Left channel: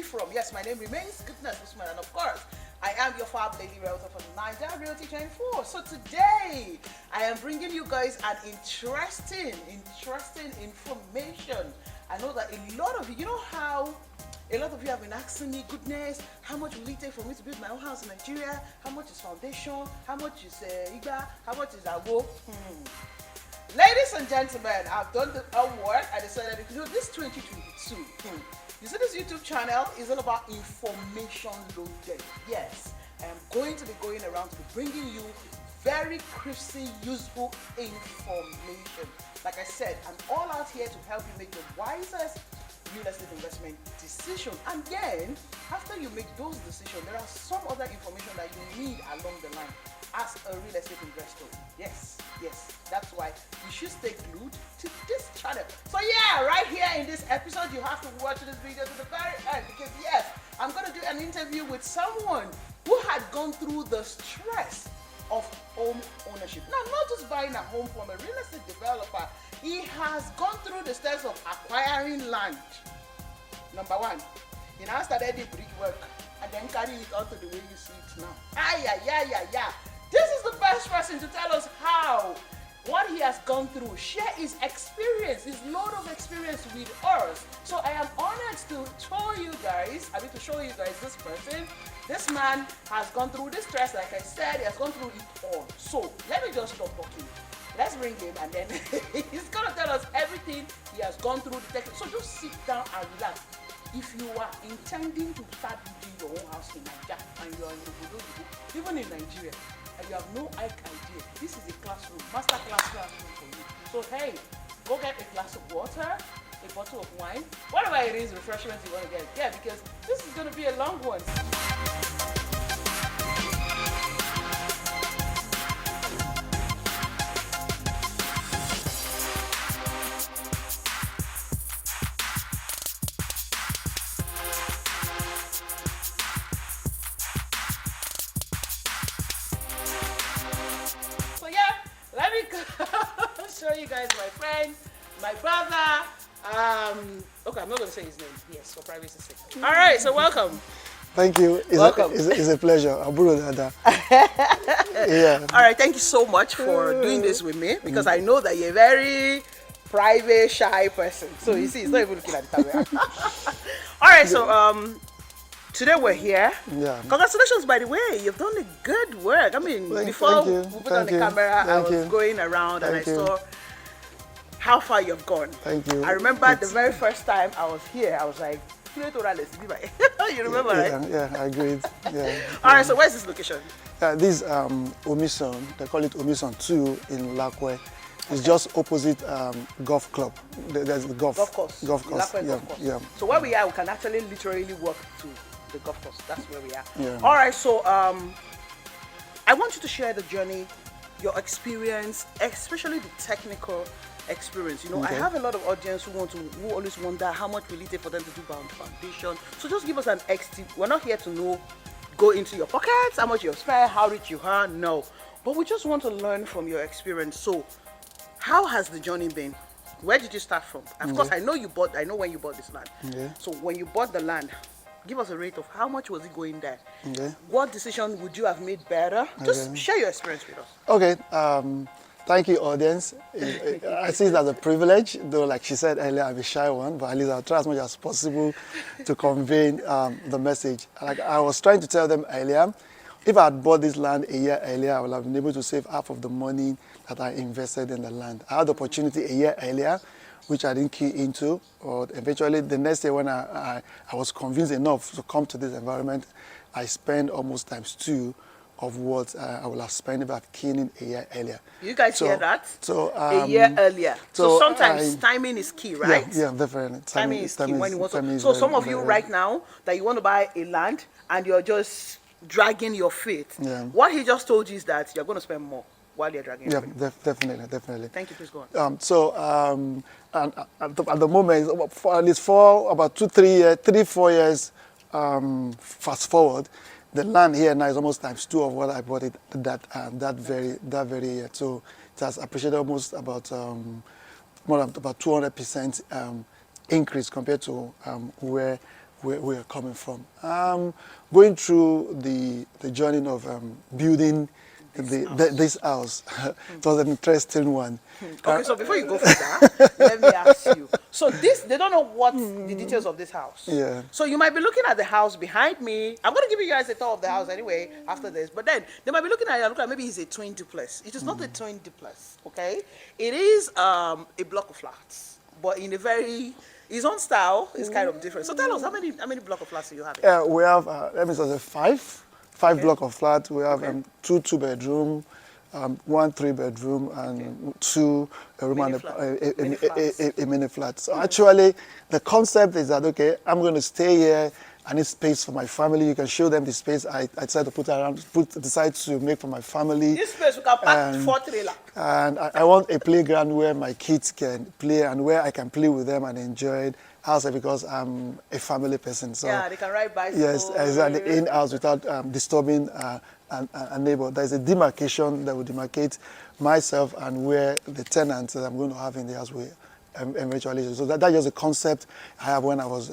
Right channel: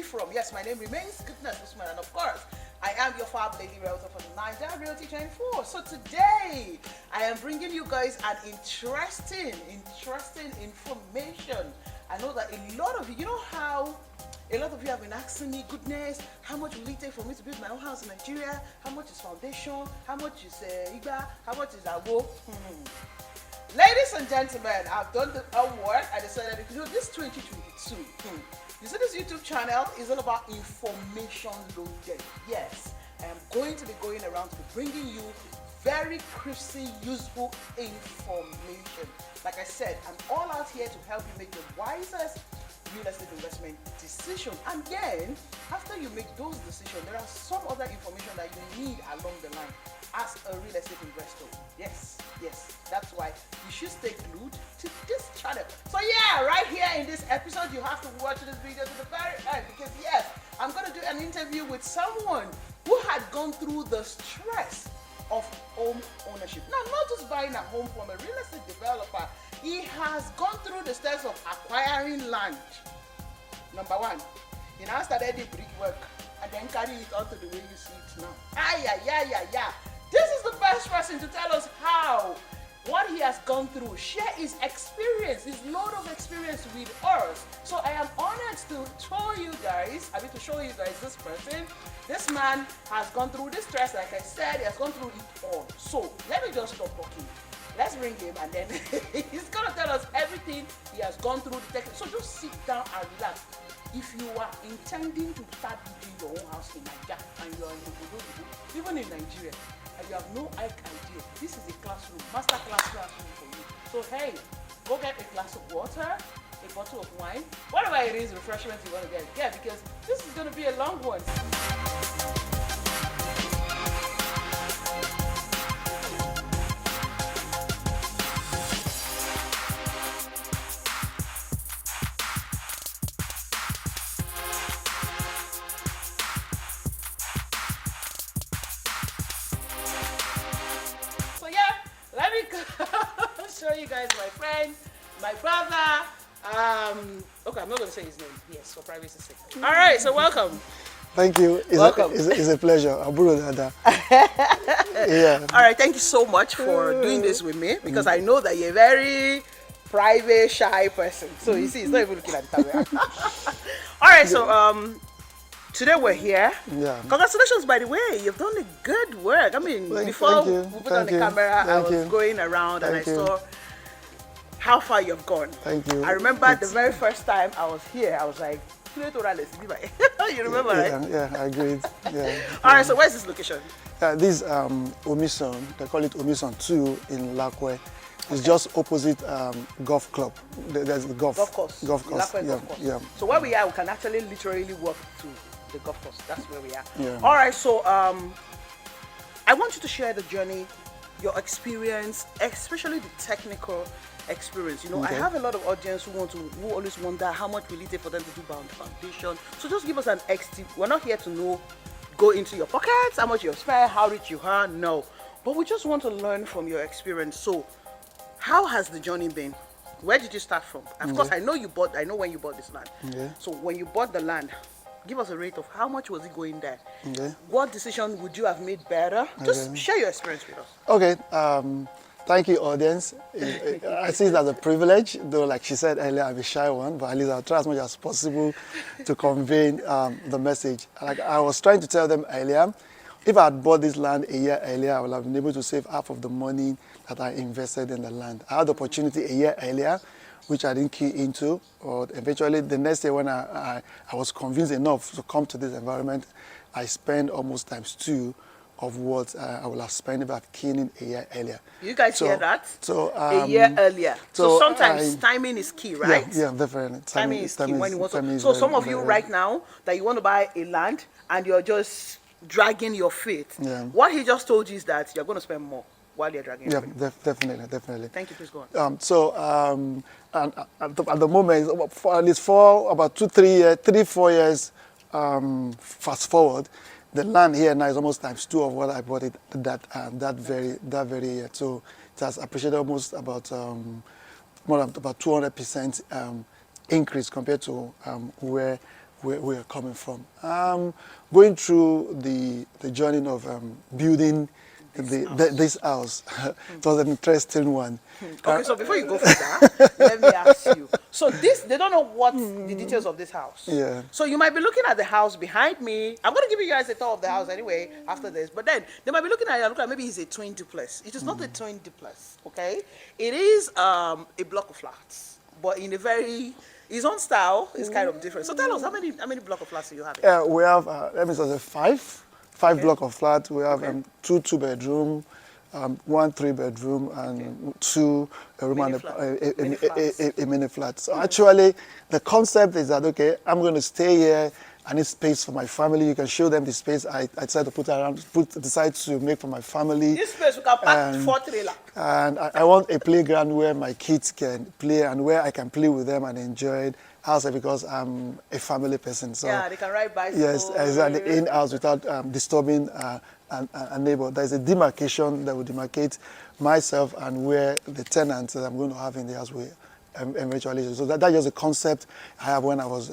me from. Yes, my name remains Goodness Usman, and of course, I am your Fab Lady Realtor from Niger Realty 24. So today, I am bringing you guys an interesting information. I know that a lot of you know how a lot of you have been asking me, goodness, how much will it take for me to build my own house in Nigeria? How much is foundation? How much is Igba? How much is Ago? Ladies and gentlemen, I've done the homework. I decided to do this 2022. You see, this YouTube channel is all about information loaded. Yes, I am going to be going around to be bringing you very crispy, useful information. Like I said, I'm all out here to help you make the wisest real estate investment decision. And then, after you make those decisions, there are some other information that you need along the line as a real estate investor. Yes, that's why you should stay glued to this channel. So yeah, right here in this episode, you have to watch this video to the very end, because yes, I'm going to do an interview with someone who had gone through the stress of home ownership. Now, not just buying a home from a real estate developer, he has gone through the steps of acquiring land. Number one, he now started the brickwork and then carry it on to the way you see it now. This is the best person to tell us how, what he has gone through, share his experience, his load of experience with us. So I am honored to show you guys this person. This man has gone through this stress, like I said, he has gone through it all. So let me just stop talking. Let's bring him, and then he's gonna tell us everything he has gone through the technique. So just sit down and relax. If you are intending to start building your own house in Nigeria and you are in Obodo, even in Nigeria, and you have no idea, this is a classroom, master classroom for you. So hey, go get a glass of water, a bottle of wine, whatever it is, refreshments you want to get. Yeah, because this is going to be a long one. Show you guys my friend, my brother. Okay, I'm not going to say his name. Yes, for privacy's sake. All right, so welcome. Thank you. Welcome. It's a pleasure. Yeah. All right, thank you so much for doing this with me, because I know that you're a very private, shy person. So you see, he's not even looking at the camera. All right, so today we're here. Yeah. Congratulations, by the way. You've done a good work. I mean, before we put on the camera, I was going around and I saw how far you've gone. Thank you. I remember the very first time I was here, I was like, you remember, right? Yeah, I agreed. Yeah. All right, so where's this location? This Omison, they call it Omison 2 in Lakwe. It's just opposite golf club. There's the golf course. Golf course. Yeah. So where we are, we can actually literally walk to the golf course. That's where we are. Yeah. All right, so I want you to share the journey, your experience, especially the technical experience. You know, Okay. I have a lot of audience who always wonder how much will it take for them to do foundation. So just give us an tip. We're not here to go into your pockets, how much you've spent, how rich you are. No, but we just want to learn from your experience. So, how has the journey been? Where did you start from? Of course, I know when you bought this land. Okay. So when you bought the land, give us a rate of how much was it going there? Okay. What decision would you have made better? Just share your experience with us. Okay. Thank you, audience. I see it as a privilege, though, like she said earlier, I'm a shy one, but at least I'll try as much as possible to convey the message. Like I was trying to tell them earlier, if I had bought this land a year earlier, I would have been able to save half of the money that I invested in the land. I had the opportunity a year earlier, which I didn't key into, or eventually the next year when I was convinced enough to come to this environment, I spent almost ×2 of what I would have spent if I've keyed in a year earlier. You guys hear that? So a year earlier. So sometimes timing is key, right? Yeah, definitely. Timing is key when you want to. So some of you right now that you want to buy a land and you're just dragging your feet. Yeah. What he just told you is that you're going to spend more while you're dragging your feet. Definitely. Thank you. Please go on. And at the moment, for at least for about 3-4 years, fast forward, the land here now is almost ×2 of what I bought it that very year. So it has appreciated almost about more than about 200% increase compared to where where we are coming from. Going through the journey of building this house. It was an interesting one. Okay, so before you go further, let me ask you. So this, they don't know what the details of this house. Yeah. So you might be looking at the house behind me. I'm going to give you guys a tour of the house anyway after this. But then they might be looking at it and look like maybe it's a twin duplex. It is not a twin duplex, okay? It is a block of flats, but in a very, his own style is kind of different. So tell us, how many block of flats do you have? We have, let me say, five Okay. block of flats. We have Okay. two bedroom, one 3-bedroom, and two a room Mini and flat. Mini flats. a mini flat. So actually, the concept is that, okay, I'm going to stay here. I need space for my family. You can show them the space I decided to decide to make for my family. This space we can park 4 trailers. And I want a playground where my kids can play and where I can play with them and enjoy it. Also because I'm a family person. So Yeah, they can ride bicycles. yes, exactly. In-house without disturbing a neighbor. There's a demarcation that will demarcate myself and where the tenants that I'm going to have in the house will eventually. So that's just a concept I have when I was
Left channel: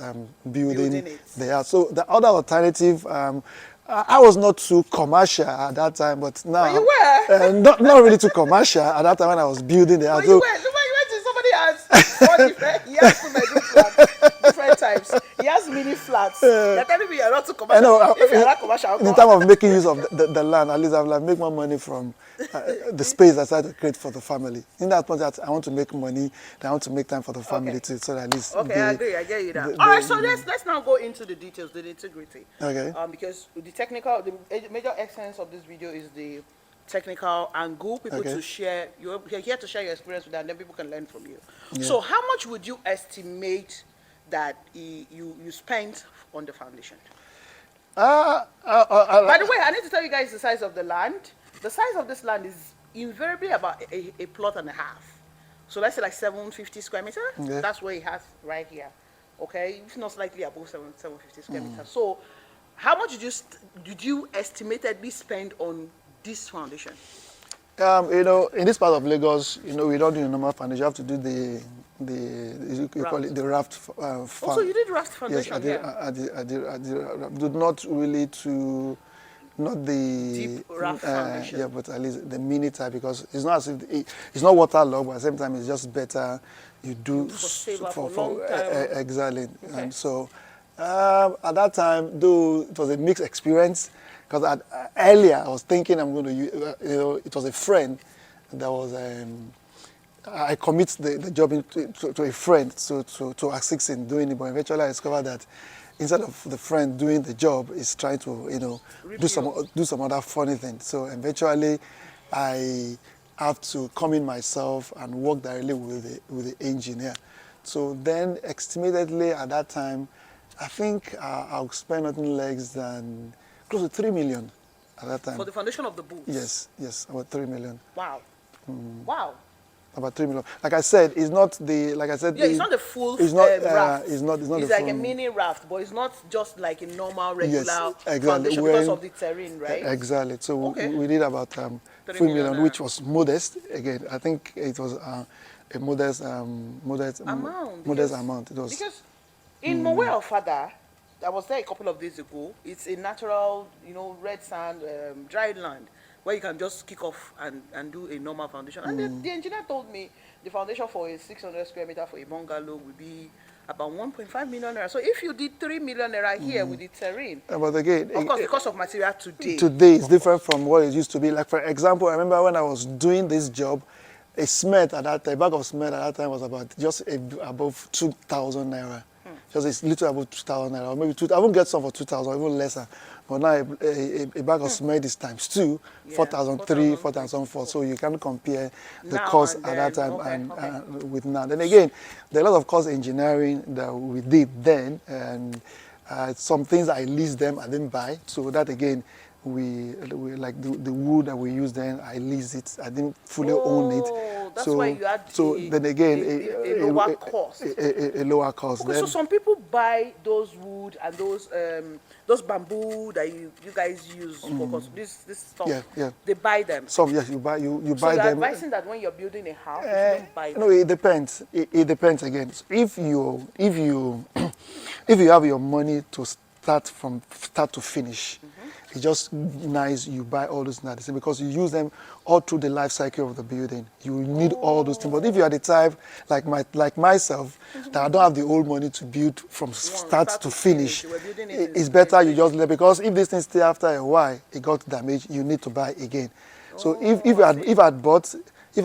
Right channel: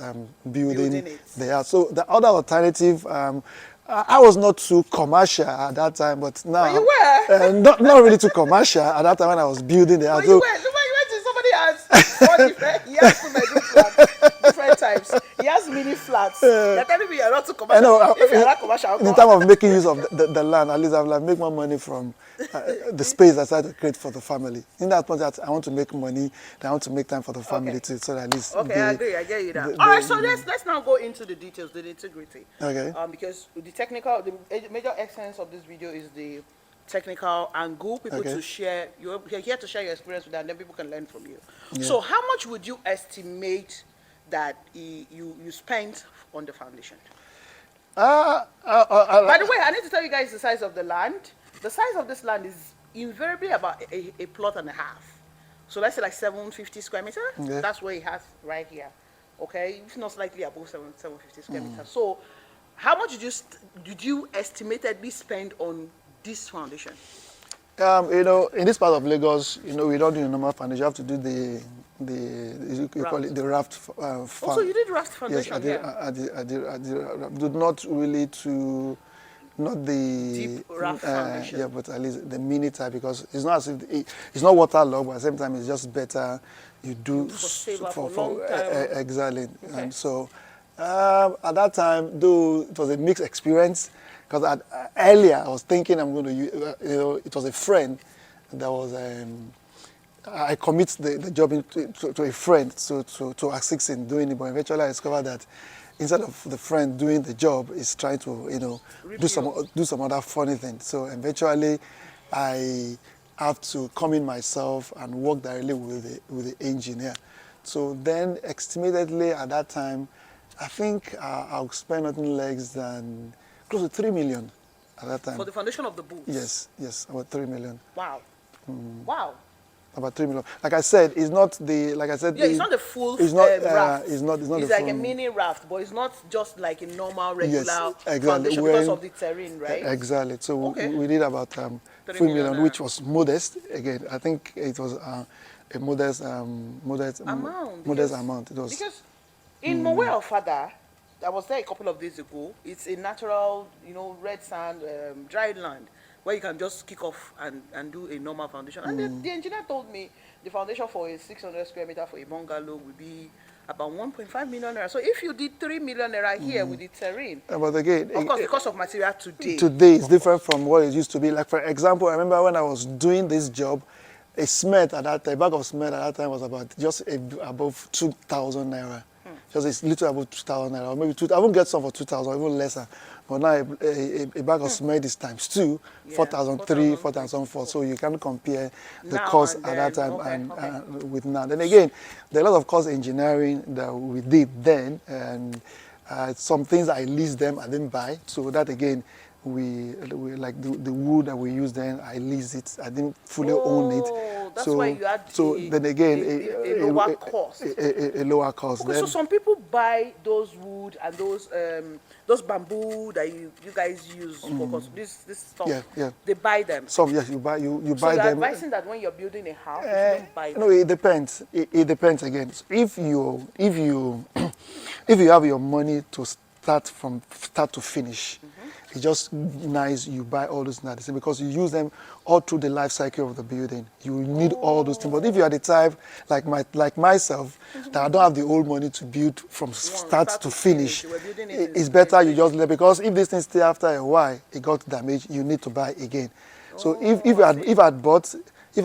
building it. the house. So the other alternative, I was not too commercial at that time, but now you were. not really too commercial at that time when I was building the house. But you went to somebody has 4 different, he has 2-bedroom flats, different types. He has mini flats. You're telling me you're not too commercial. I know. If you're not commercial, In terms of making use of the land, at least I'll like make more money from the space I decided to create for the family. In that point, that I want to make money, I want to make time for the family too, so that at least. Okay, I agree. I get you that. All right, so let's now go into the details, the integrity. Okay. Because the major essence of this video is the technical angle. People Okay. to share. You're here to share your experience with that, and then people can learn from you. So, how much would you estimate that you spent on the foundation? By the way, I need to tell you guys the size of the land. The size of this land is invariably about a plot and a half. So let's say like 750 square meters. Yeah. That's what it has right here. Okay, if not slightly above 750 square meters. So, how much did you estimatedly spend on this foundation? In this part of Lagos, we don't do the normal foundation. You have to do you call it the raft. Also, you did raft Yes, foundation. I did not really to. Not the Deep raft foundation. yeah, but at least the mini type, because it's not as if it's not waterlogged, but at the same time it's just better you do for long time. Exactly. Okay. And so at that time, though it was a mixed experience, because earlier I was thinking I'm going to use, it was a friend that was I commit the job to a friend to assist in doing it, but eventually I discovered that instead of the friend doing the job, is trying to do some other funny thing. So eventually, I have to come in myself and work directly with the engineer. So then, estimatedly at that time, I think I'll spend nothing less than close to 3 million at that time. For the foundation of the booth? Yes, about 3 million. Wow. Wow. About 3 million. Like I said, it's not the, like I said, Yeah, it's not the full it's not, raft. it's not It's the like full, a mini raft, but it's not just like a normal, regular exactly. foundation because of the terrain, right? Exactly. So Okay. we did about 3 million, million, which was modest. Again, I think it was a modest Amount. amount. It was Because in Mowe Ofada, I was there a couple of days ago. It's a natural, red sand, dry land, where you can just kick off and do a normal foundation. And the engineer told me the foundation for a 600 square meter for a bungalow would be about 1.5 million naira. So if you did 3 million naira here with the terrain, but again, of course, the cost of material today. Today is different from what it used to be. Like for example, I remember when I was doing this job, a cement at that time, a bag of cement at that time was about just above 2,000 naira. Just a little above 2,000 naira, or maybe I won't get some for 2,000, even lesser. But now a bag of cement is times 2, Yeah, 4,003, 4,004. So you can't compare the Now cost and at then. that time Okay. with now. Then again, there are a lot of cost engineering that we did then, and some things I leased them, I didn't buy. So that again, we like the wood that we used then, I leased it. I didn't fully own it. That's So why you had then again, a lower cost. A lower cost. Okay, then. so some people buy those wood and those bamboo that you guys use for this stuff. Yeah. They buy them. Some, yes, you buy So buy you're them. advising that when you're building a house, you don't buy them. No, it depends. It depends again. So if you if you have your money to start from start to finish, it's just nice you buy all those things because you use them all through the life cycle of the building. You need all those things. But if you are the type like myself that I don't have the old money to build from start to finish, it's better you just let, because if this thing stay after a while, it got damaged, you need to buy again. So if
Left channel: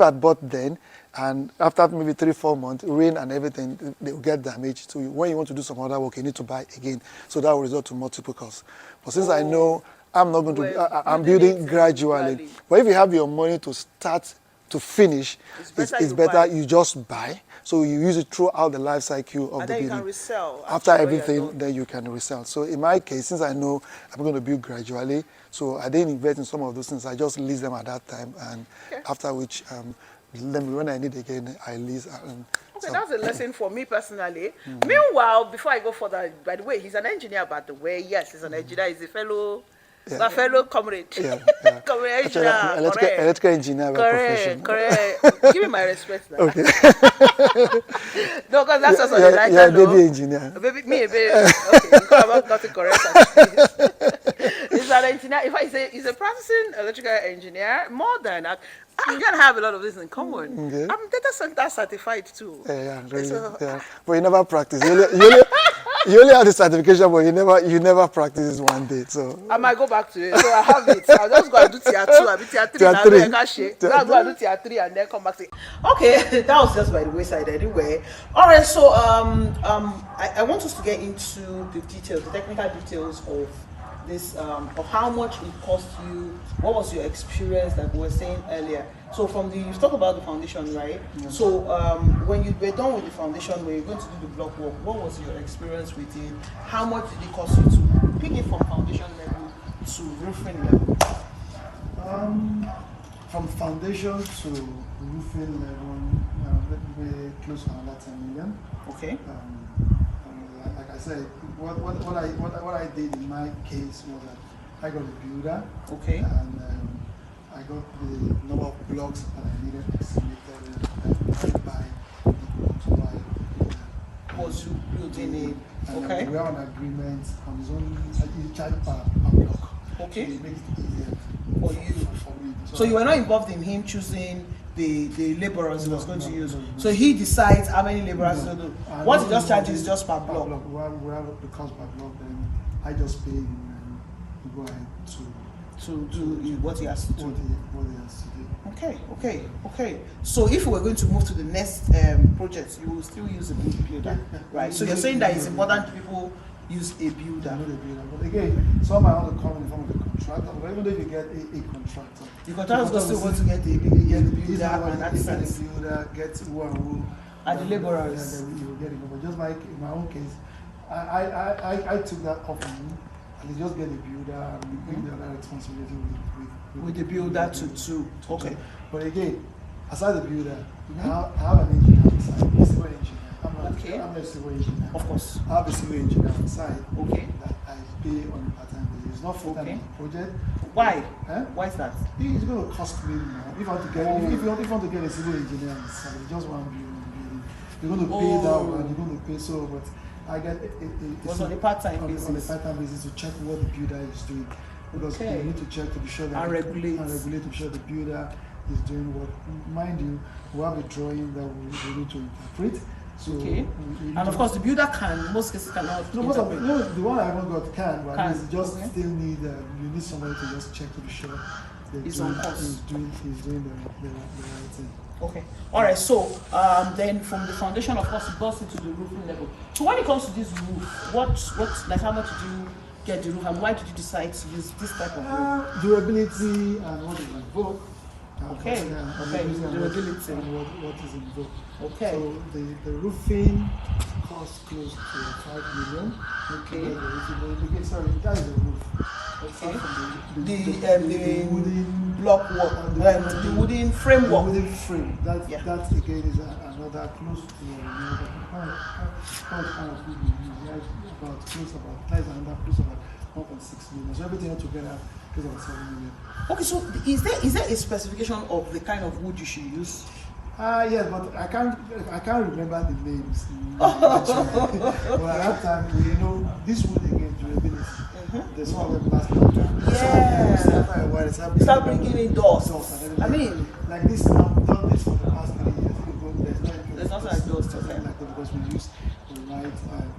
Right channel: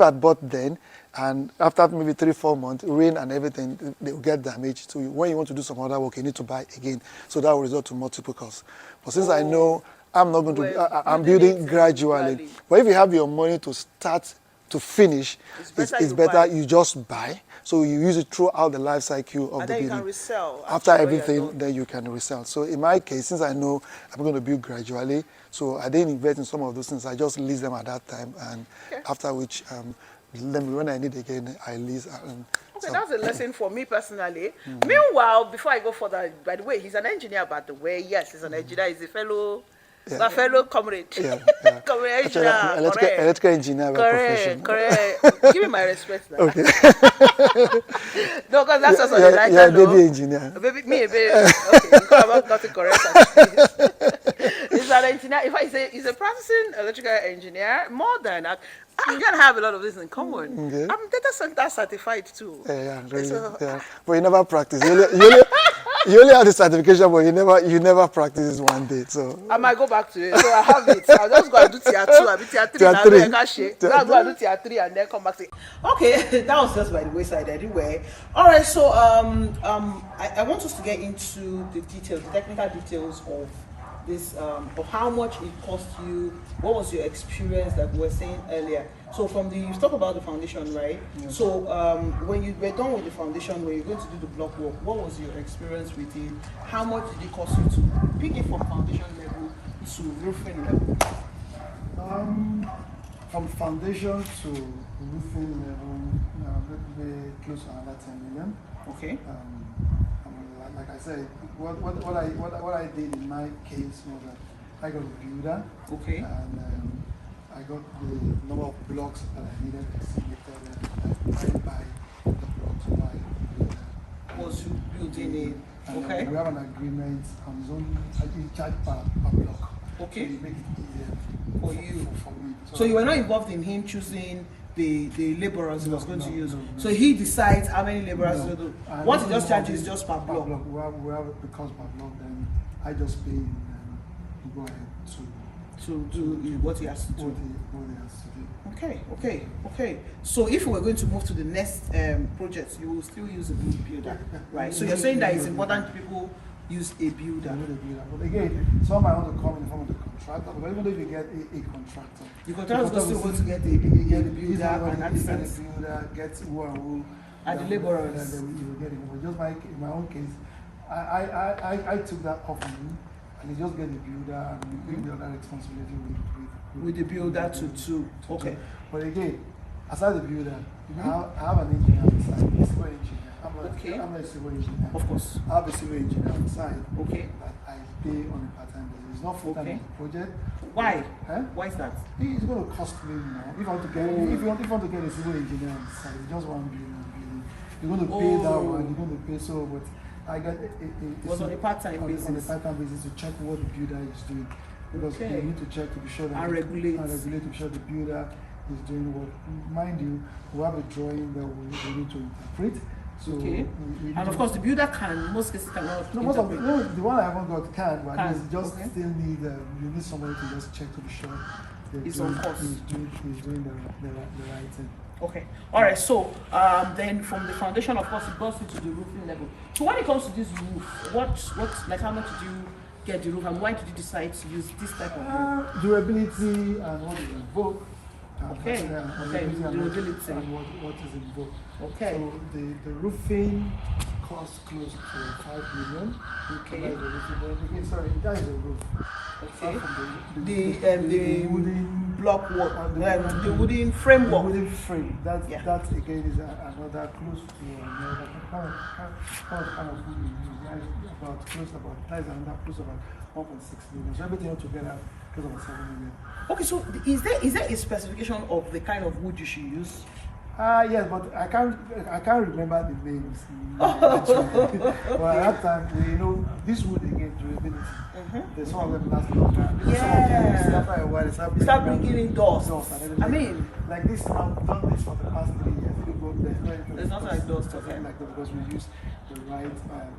I'd bought then, and after maybe 3-4 months, rain and everything, they will get damaged. So when you want to do some other work, you need to buy again. So that will result to multiple costs. But since I know I'm not going to, I'm building gradually. But if you have your money to start to finish, it's better you just buy. So you use it throughout the life cycle of the building. And then you can resell. After everything, then you can resell. So in my case, since I know I'm going to build gradually, so I didn't invest in some of those things. I just lease them at that time, and after which, when I need again, I lease. Okay, that's a lesson for me personally. Meanwhile, before I go further, by the way, he's an engineer, by the way. Yes, he's an engineer. He's a fellow comrade. Comrade engineer. Electrical engineer by profession. Correct. Give me my respect now. Okay. No, because that's also the lighter. Yeah, baby engineer. Baby. Okay, because I'm not correct. He's an engineer. If I say he's a practicing electrical engineer, more than that, you can have a lot of this in common. Okay. I'm data center certified too. Yeah, really. But you never practice. You only have the certification, but you never practice it one day. So I might go back to it. So I have it. I'll just go and do tier 2. I'll be tier 3. I'll go and do tier 3 and then come back to it. Okay, that was just by the wayside anyway. All right, so I want us to get into the details, the technical details of this, of how much it cost you. What was your experience, like we were saying earlier? So you talked about the foundation, right? Yeah. So when you were done with the foundation, when you're going to do the block work, what was your experience with it? How much did it cost you to pick it from foundation level to roofing level? From foundation to roofing level, maybe close to another 10 million. Okay. Like I said, what I did in my case was that I got a builder. Okay. And I got the number of blocks that I needed estimated, and I buy the blocks by was you building it. Okay. We have an agreement on his own. He charge per block. Okay. So it makes it easier for you. For me. So you were not involved in him choosing the laborers he was going to use. So he decides how many laborers he's going to do. What he just charges just per block. We have the cost per block, then I just pay him and he go ahead to do what he has to do. What he has to do. Okay. So if we were going to move to the next project, you will still use a builder, right? So you're saying that it's important people use a builder. But again, some might want to come in form of the contractor, but even though you get a contractor, the contractor still want to get a builder and assistance. Get the builder, get who and who. And the laborers. And then you will get it. But just like in my own case, I took that off me. And they just get a builder and we take the other responsibility with the builder to okay. But again, aside the builder, I have an engineer on site, a civil engineer. I'm not a civil engineer. Of course. I have a civil engineer on site. Okay. That I pay on a part-time basis. It's not full-time on the project. Why? Why is that? It's going to cost me now. If you want to get a civil engineer on site, just one building. You're going to pay that one. You're going to pay so, but I get on a part-time basis. On a part-time basis to check what the builder is doing, because you need to check to be sure that and regulate to be sure the builder is doing what. Mind you, we have a drawing that we need to interpret. So and of course the builder can. Most cases cannot. No, the one I haven't got can, but it's just still need. You need somebody to just check to be sure he's on course. He's doing the right thing. Okay. All right. So then from the foundation, of course, it goes into the roofing level. So when it comes to this roof, like how much did you get the roof, and why did you decide to use this type of roof? Durability and what is involved. Okay. Durability and what is involved. Okay. So the roofing costs close to 5 million. Okay. Sorry, that is the roof. Okay. The wooden block work, the wooden framework. The wooden frame. That again is another close to another kind of wood we use. About close about 1.6 million. So everything altogether close about 7 million. Okay, so is there a specification of the kind of wood you should use? Yes, but I can't remember the names. Actually. But at that time, this wood again durability. There's some of them last longer. Yeah. After a while, they Start bringing in dust. and everything. I mean, like this now, we've done this for the past 3 years. If you go, there's nothing like dust. Okay. Like that because we use the right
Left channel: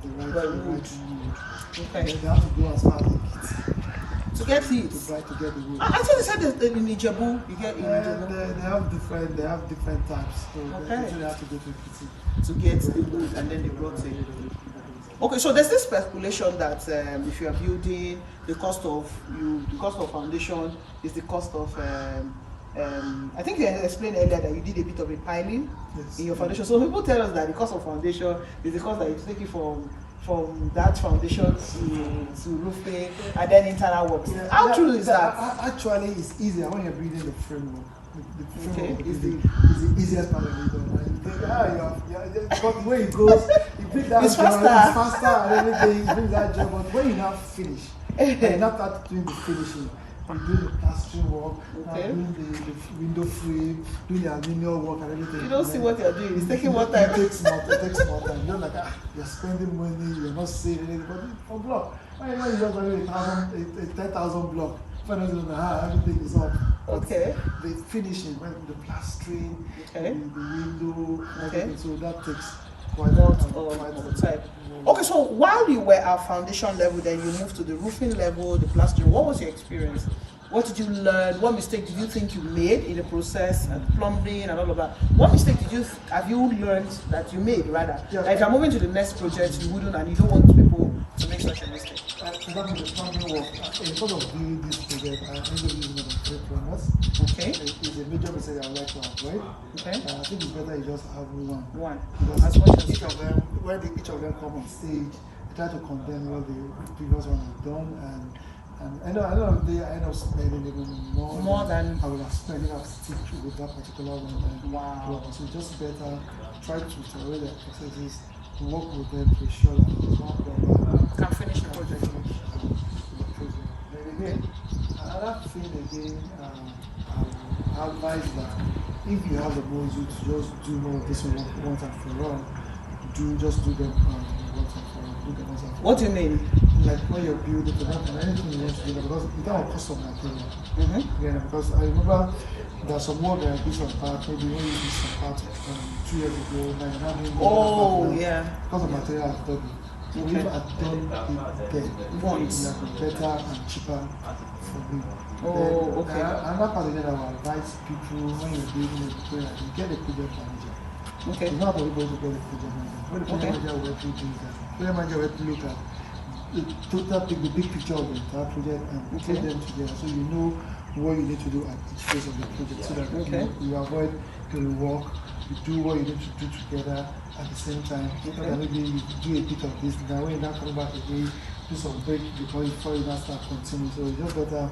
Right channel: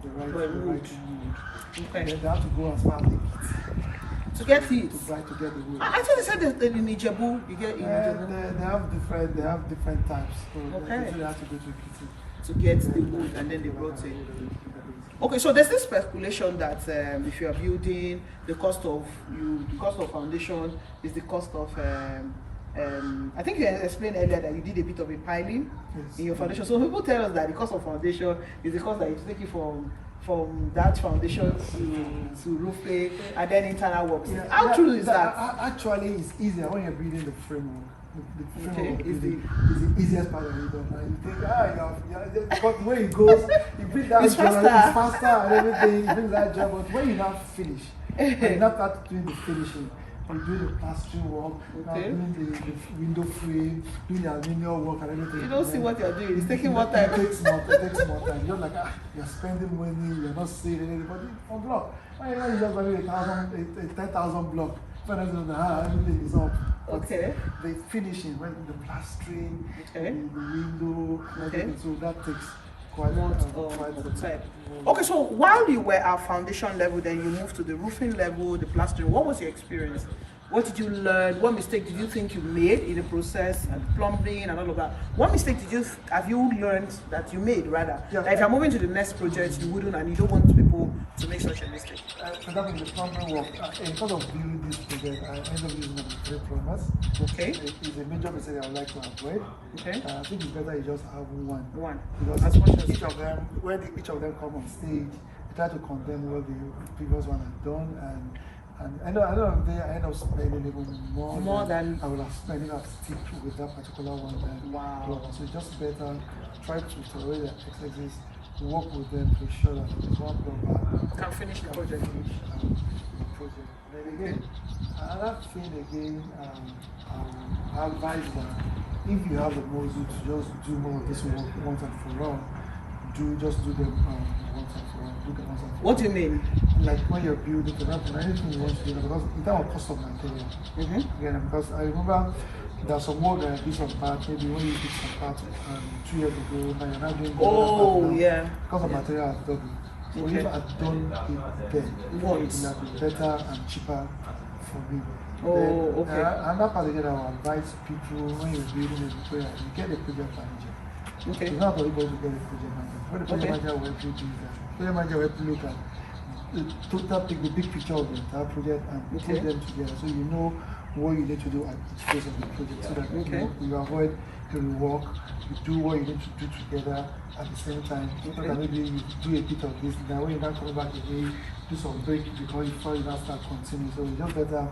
wood. wood. Okay. And they have to go as far as they get. To get heat. To try to get the wood. I thought they said that in Ijebu, you get in Ijebu. They have different types. So Okay. they have to go to kitchen To get the wood and then they brought it. Okay, so there's this speculation that if you are building, the cost of foundation is the cost of. I think you explained earlier that you did a bit of a piling in your foundation. So people tell us that the cost of foundation is the cost that you take it from that foundation to roofing and then internal works. Yeah, How true is that? Actually, it's easier when you're building the framework. The framework is the easiest part of it. And you think, because the way it goes, you bring that It's job, faster. it's faster and everything, you bring that job. But when you now finish, and you now start doing the finishing, you're doing the plastering work, now doing the window frame, doing the aluminium work and everything. You don't see what you're doing. It's taking more time. It takes more time. You're like, you're spending money, you're not saving anything. But for block, when you just value a 10,000 block, everything is up. Okay. The finishing, when the plastering, the window, everything. So that takes quite more quite time. Okay, so while you were at foundation level, then you moved to the roofing level, the plastering. What was your experience? What did you learn? What mistake did you think you made in the process and plumbing and all of that? What mistake have you learned that you made rather? Yeah. Like if you're moving to the next project, you wouldn't and you don't want people to make such a mistake. For example, the plumbing work, in terms of building this project, I ended up using about 3 plumbers. Okay. It's a major mistake I would like to avoid. Okay. I think it's better you just have one. As Because much as each of them, when each of them come on stage, they try to condemn what the previous one has done, and I end up spending even more than I would have spent if I stick with that particular one. Wow. So it's just better try to tolerate their excesses, to work with them to ensure that the one proper can finish the project. The project. Then again, another thing again, I advise that if you have the muscle to just do more of this work once and for all, just do them once and for all. Do them once and for all. What do you mean? Like when you're building, for example, anything you want to do, because in terms of cost of material, again, because I remember there's some work that I did some part, maybe when you did some part 2 years ago, now you're not doing the other part now. Because of material has doubled. So if I had done it then, it would have been better and cheaper for me. Another part again, I would advise people when you're building a project, you get a project manager. Okay. It's not for everybody to get a project manager. When the project manager will help you do that. Project manager will help you look at take the big picture of the entire project and put them together so you know what you need to do at each phase of the project so that you avoid the rework, you do what you need to do together at the same time. So that maybe you do a bit of this, now when you're not coming back again, do some break before you now start continuing. So it's just better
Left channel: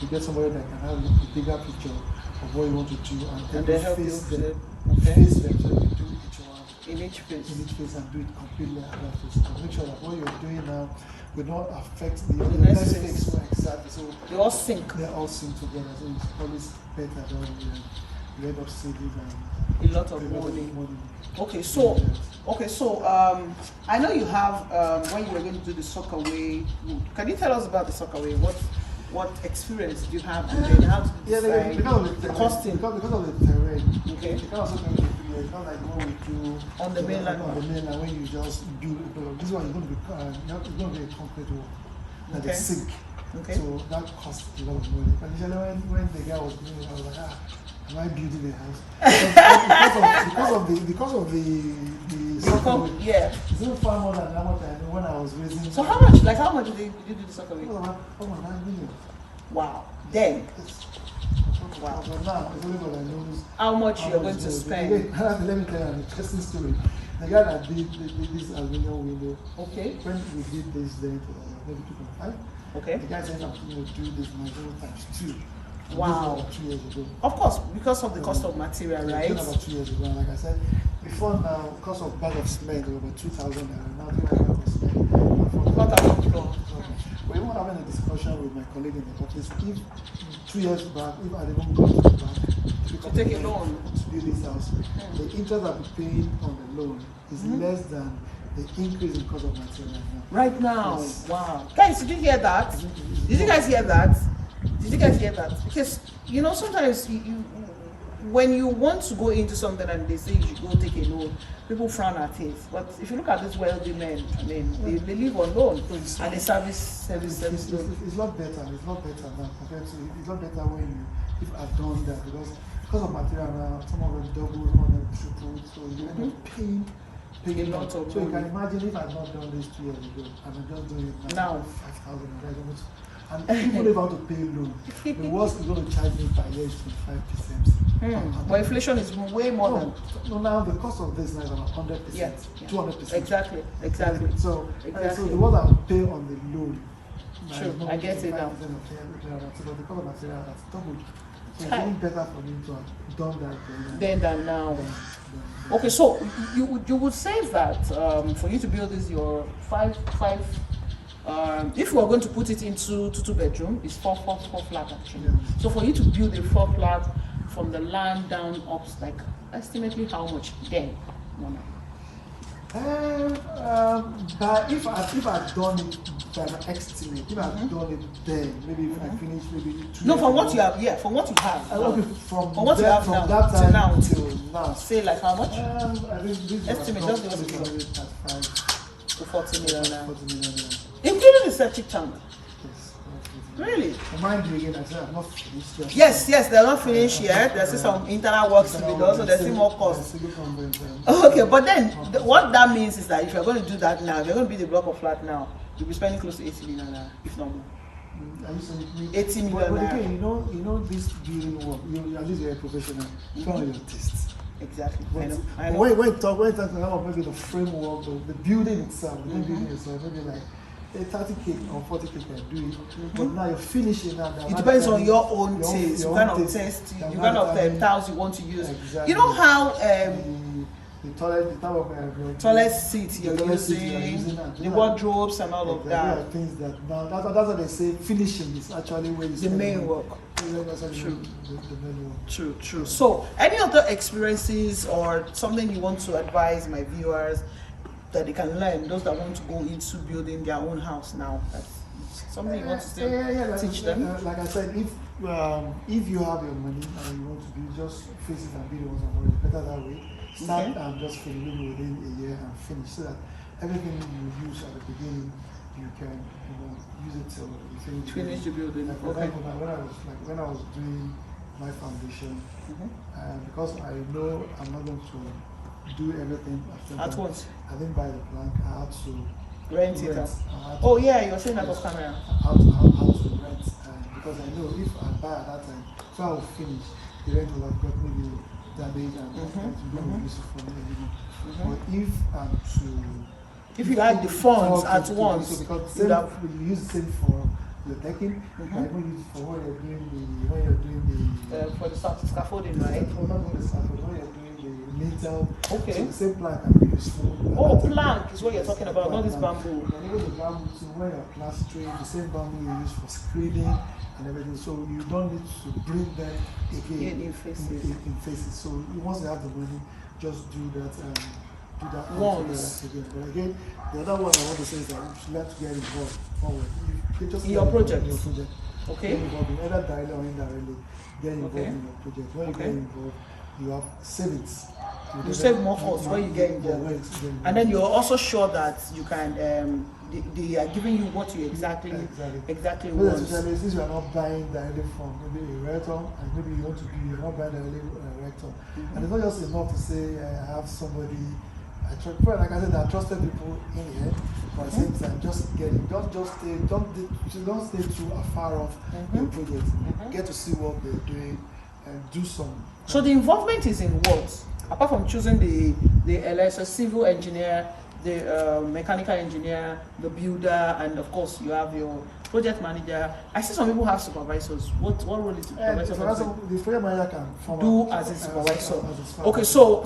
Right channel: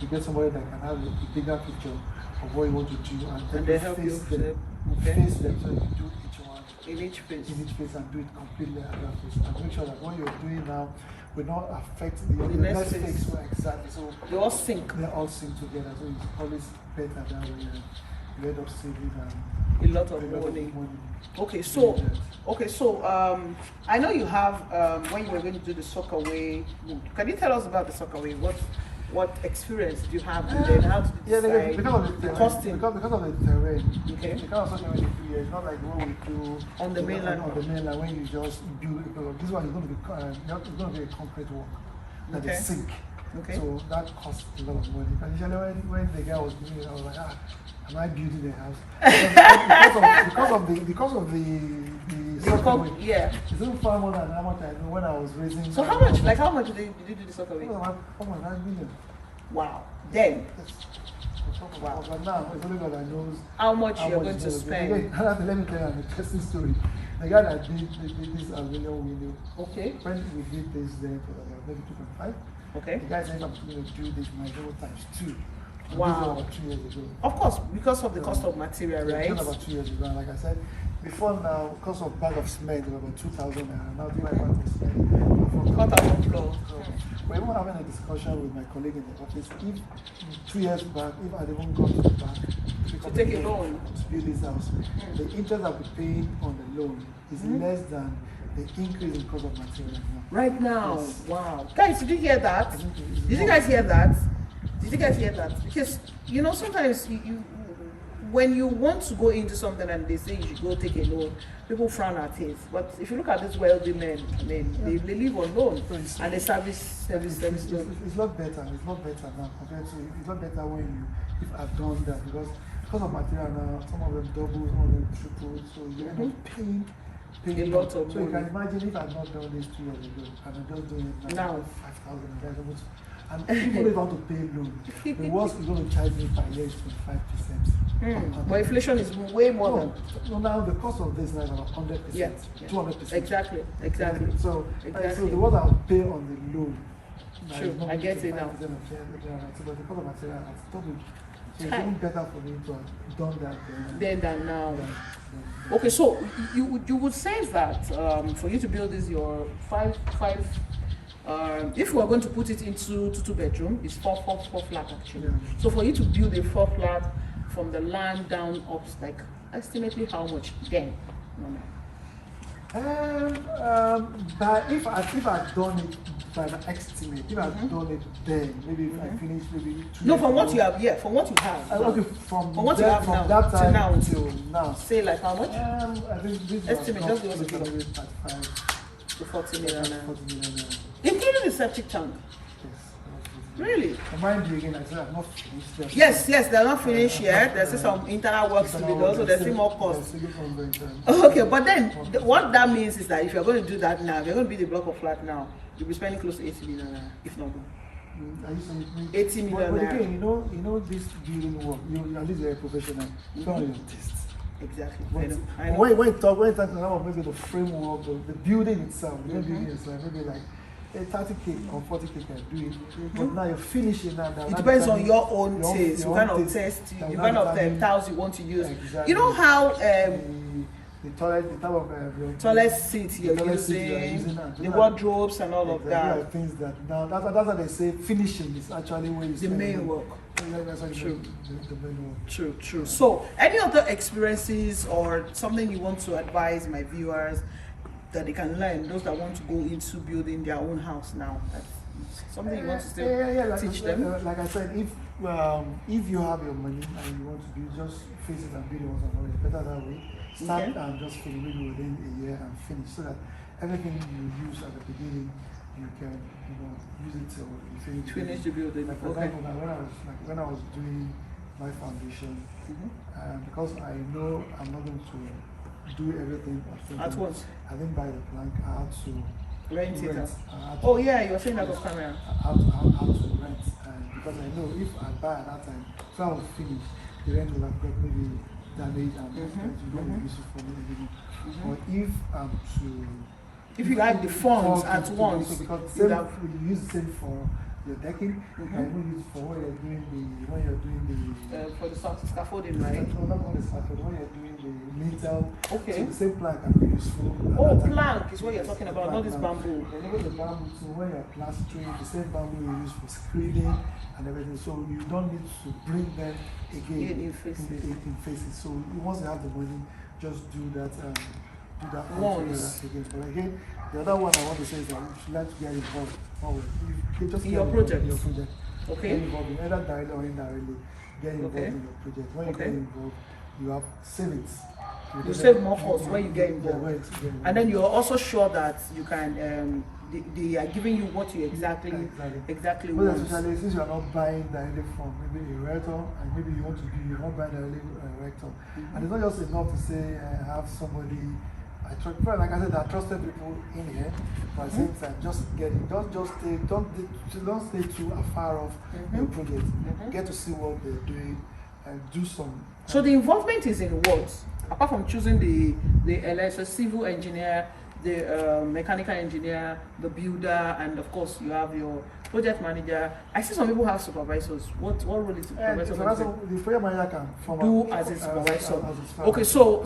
to get somebody that can have a bigger picture of what you want to do and they help face you them. Face them so you do each one in each phase and do it completely at that phase and make sure that what you're doing now will not affect the next phase. So exactly. So they all sync. They all sync together. So it's always better that way. You end up saving a lot of money. Okay, so I know you have when you were going to do the sockaway. Can you tell us about the sockaway? What experience do you have and then how did you decide? Because of the costing. Because of the terrain. Okay. You can't also do it in 3 years. Not like what we do on the mainland. On the mainland when you just build it. This one is going to be a concrete work. That is sink. Okay. So that costs a lot of money. And usually when the guy was doing it, I was like, am I building the house? because of the sockaway. Yeah. It's even far more than how much I know when I was raising. So how much did you do the sockaway? Almost 9 million. Wow. Then. Yes. Wow. But now it's only God that knows how much you're going to spend. Let me tell you an interesting story. The guy that did this aluminium window. Okay. When we did this then for maybe 2.5. Okay. The guy said I'm going to do this Nigeria times 2. Wow. About 2 years ago. Of course, because of the cost of material, right? About 2 years ago. And like I said, before now, cost of bag of cement was about 2,000 naira. Now the bag of cement. 4,000 plus. We're even having a discussion with my colleague in the office. If 2 years back, if I'd even gone to the bank To take a loan to build this house, the interest I'll be paying on the loan is less than the increase in cost of material now. Right now, Yes. wow. Guys, did you hear that? Did you guys hear that? Did you guys hear that? Because, you know, sometimes when you want to go into something and they say you should go take a loan, people frown at it. But if you look at these wealthy men, I mean, they live on loan and they service loan. It's a lot better. It's a lot better now compared to it's a lot better when you if I've done that because of material now, some of them double, some of them triple, so you end up paying a lot of so money. you can imagine if I've not done this 2 years ago and I'm just doing it now 5,000 and even if I want to pay loan, the worst is going to charge me per year is 25%. But inflation is way more than. No, now the cost of this now is about 100%, Yeah. 200%. Exactly. So Exactly. the what I will pay on the loan. True, I get it now. But the cost of material has doubled. So it's even better for me to have done that Then than now. Okay, so you would say that for you to build this your five if you are going to put it into two bedroom, it's four flat actually. Yeah. So for you to build a 4 flat from the land down up, like estimately how much then? No. But if I've done it by the estimate, if I've done it then, maybe if I finish maybe 2 No, years from what ago, you have, from what you have. okay, from what you have from now that till time now. till now. Say like how much? I think this Estimate, was just give us a figure. 35 To 40 million naira. 40 million naira. Including the septic tank. Yes. Really? Mind you again, I said I'm not finished. Yes, they're not finished yet. There's still some internal works to be done, so there's still more costs. Okay, but then what that means is that if you're going to do that now, if you're going to build a block of flat now, you'll be spending close to 80 million naira, if not more. Are you saying 80 million but naira. again, you know this building work. At least you're a professional. Follow your tastes. Exactly. But I know. when you talk about maybe the framework, the building itself, the building itself, maybe like a 30K or 40K can do it. But now you're finishing now. It depends on your own taste. You kind of test, you kind of tiles you want to use. Exactly. You know how the toilet, the type of your toilet seat you're toilet seat using, now. the wardrobes and all of that. There are things that now that's what they say. Finishing is actually where you The main work. That's True. The main work. True. So, any other experiences or something you want to advise my viewers that they can learn, those that want to go into building their own house now? That's something you want to still teach them? Like I said, if you have your money and you want to build, just face it and build it once and for all. It's better that way. Start and just finish maybe within a year and finish, so that everything you use at the beginning you can use it till you finish the building. Like for example, when I was doing my foundation, because I know I'm not going to do everything at once. I didn't buy the plank. I had to rent it out. Oh yeah, you were saying that off camera. I had to rent, because I know if I buy at that time, so I will finish, the rent will have got maybe damage and it will not be useful for me anymore. But if I'm if you had the funds at once, because you use the same for your decking, you can even use it for when you're doing the for the scaffolding, right? Not only the scaffolding, when you're doing the lintel. Okay. So the same plank can be useful. Oh, plank is what you're talking about, not this bamboo. And even the bamboo, so when you're plastering, the same bamboo you use for screening and everything. So you don't need to bring them again in faces. So once you have the money, just do that once again. But again, the other one I want to say is that you should learn to get involved. In your project. Okay. Get involved in either directly or indirectly. Get involved in your project. When you get involved, you have savings. You save more costs when you get involved. And then you're also sure that you can they are giving you what you exactly well, want. especially since you are not buying directly from maybe a rector, and maybe you want to be, you're not buying directly a rector. And it's not just enough to say I have somebody. Like I said, I trusted people in here, but at the same time, just get it. Don't stay too far off your project. Get to see what they're doing and do some. So the involvement is in what? Apart from choosing the civil engineer, the mechanical engineer, the builder, and of course you have your project manager. I see some people have supervisors. What role is the supervisor? The project manager can do as a supervisor. Okay, so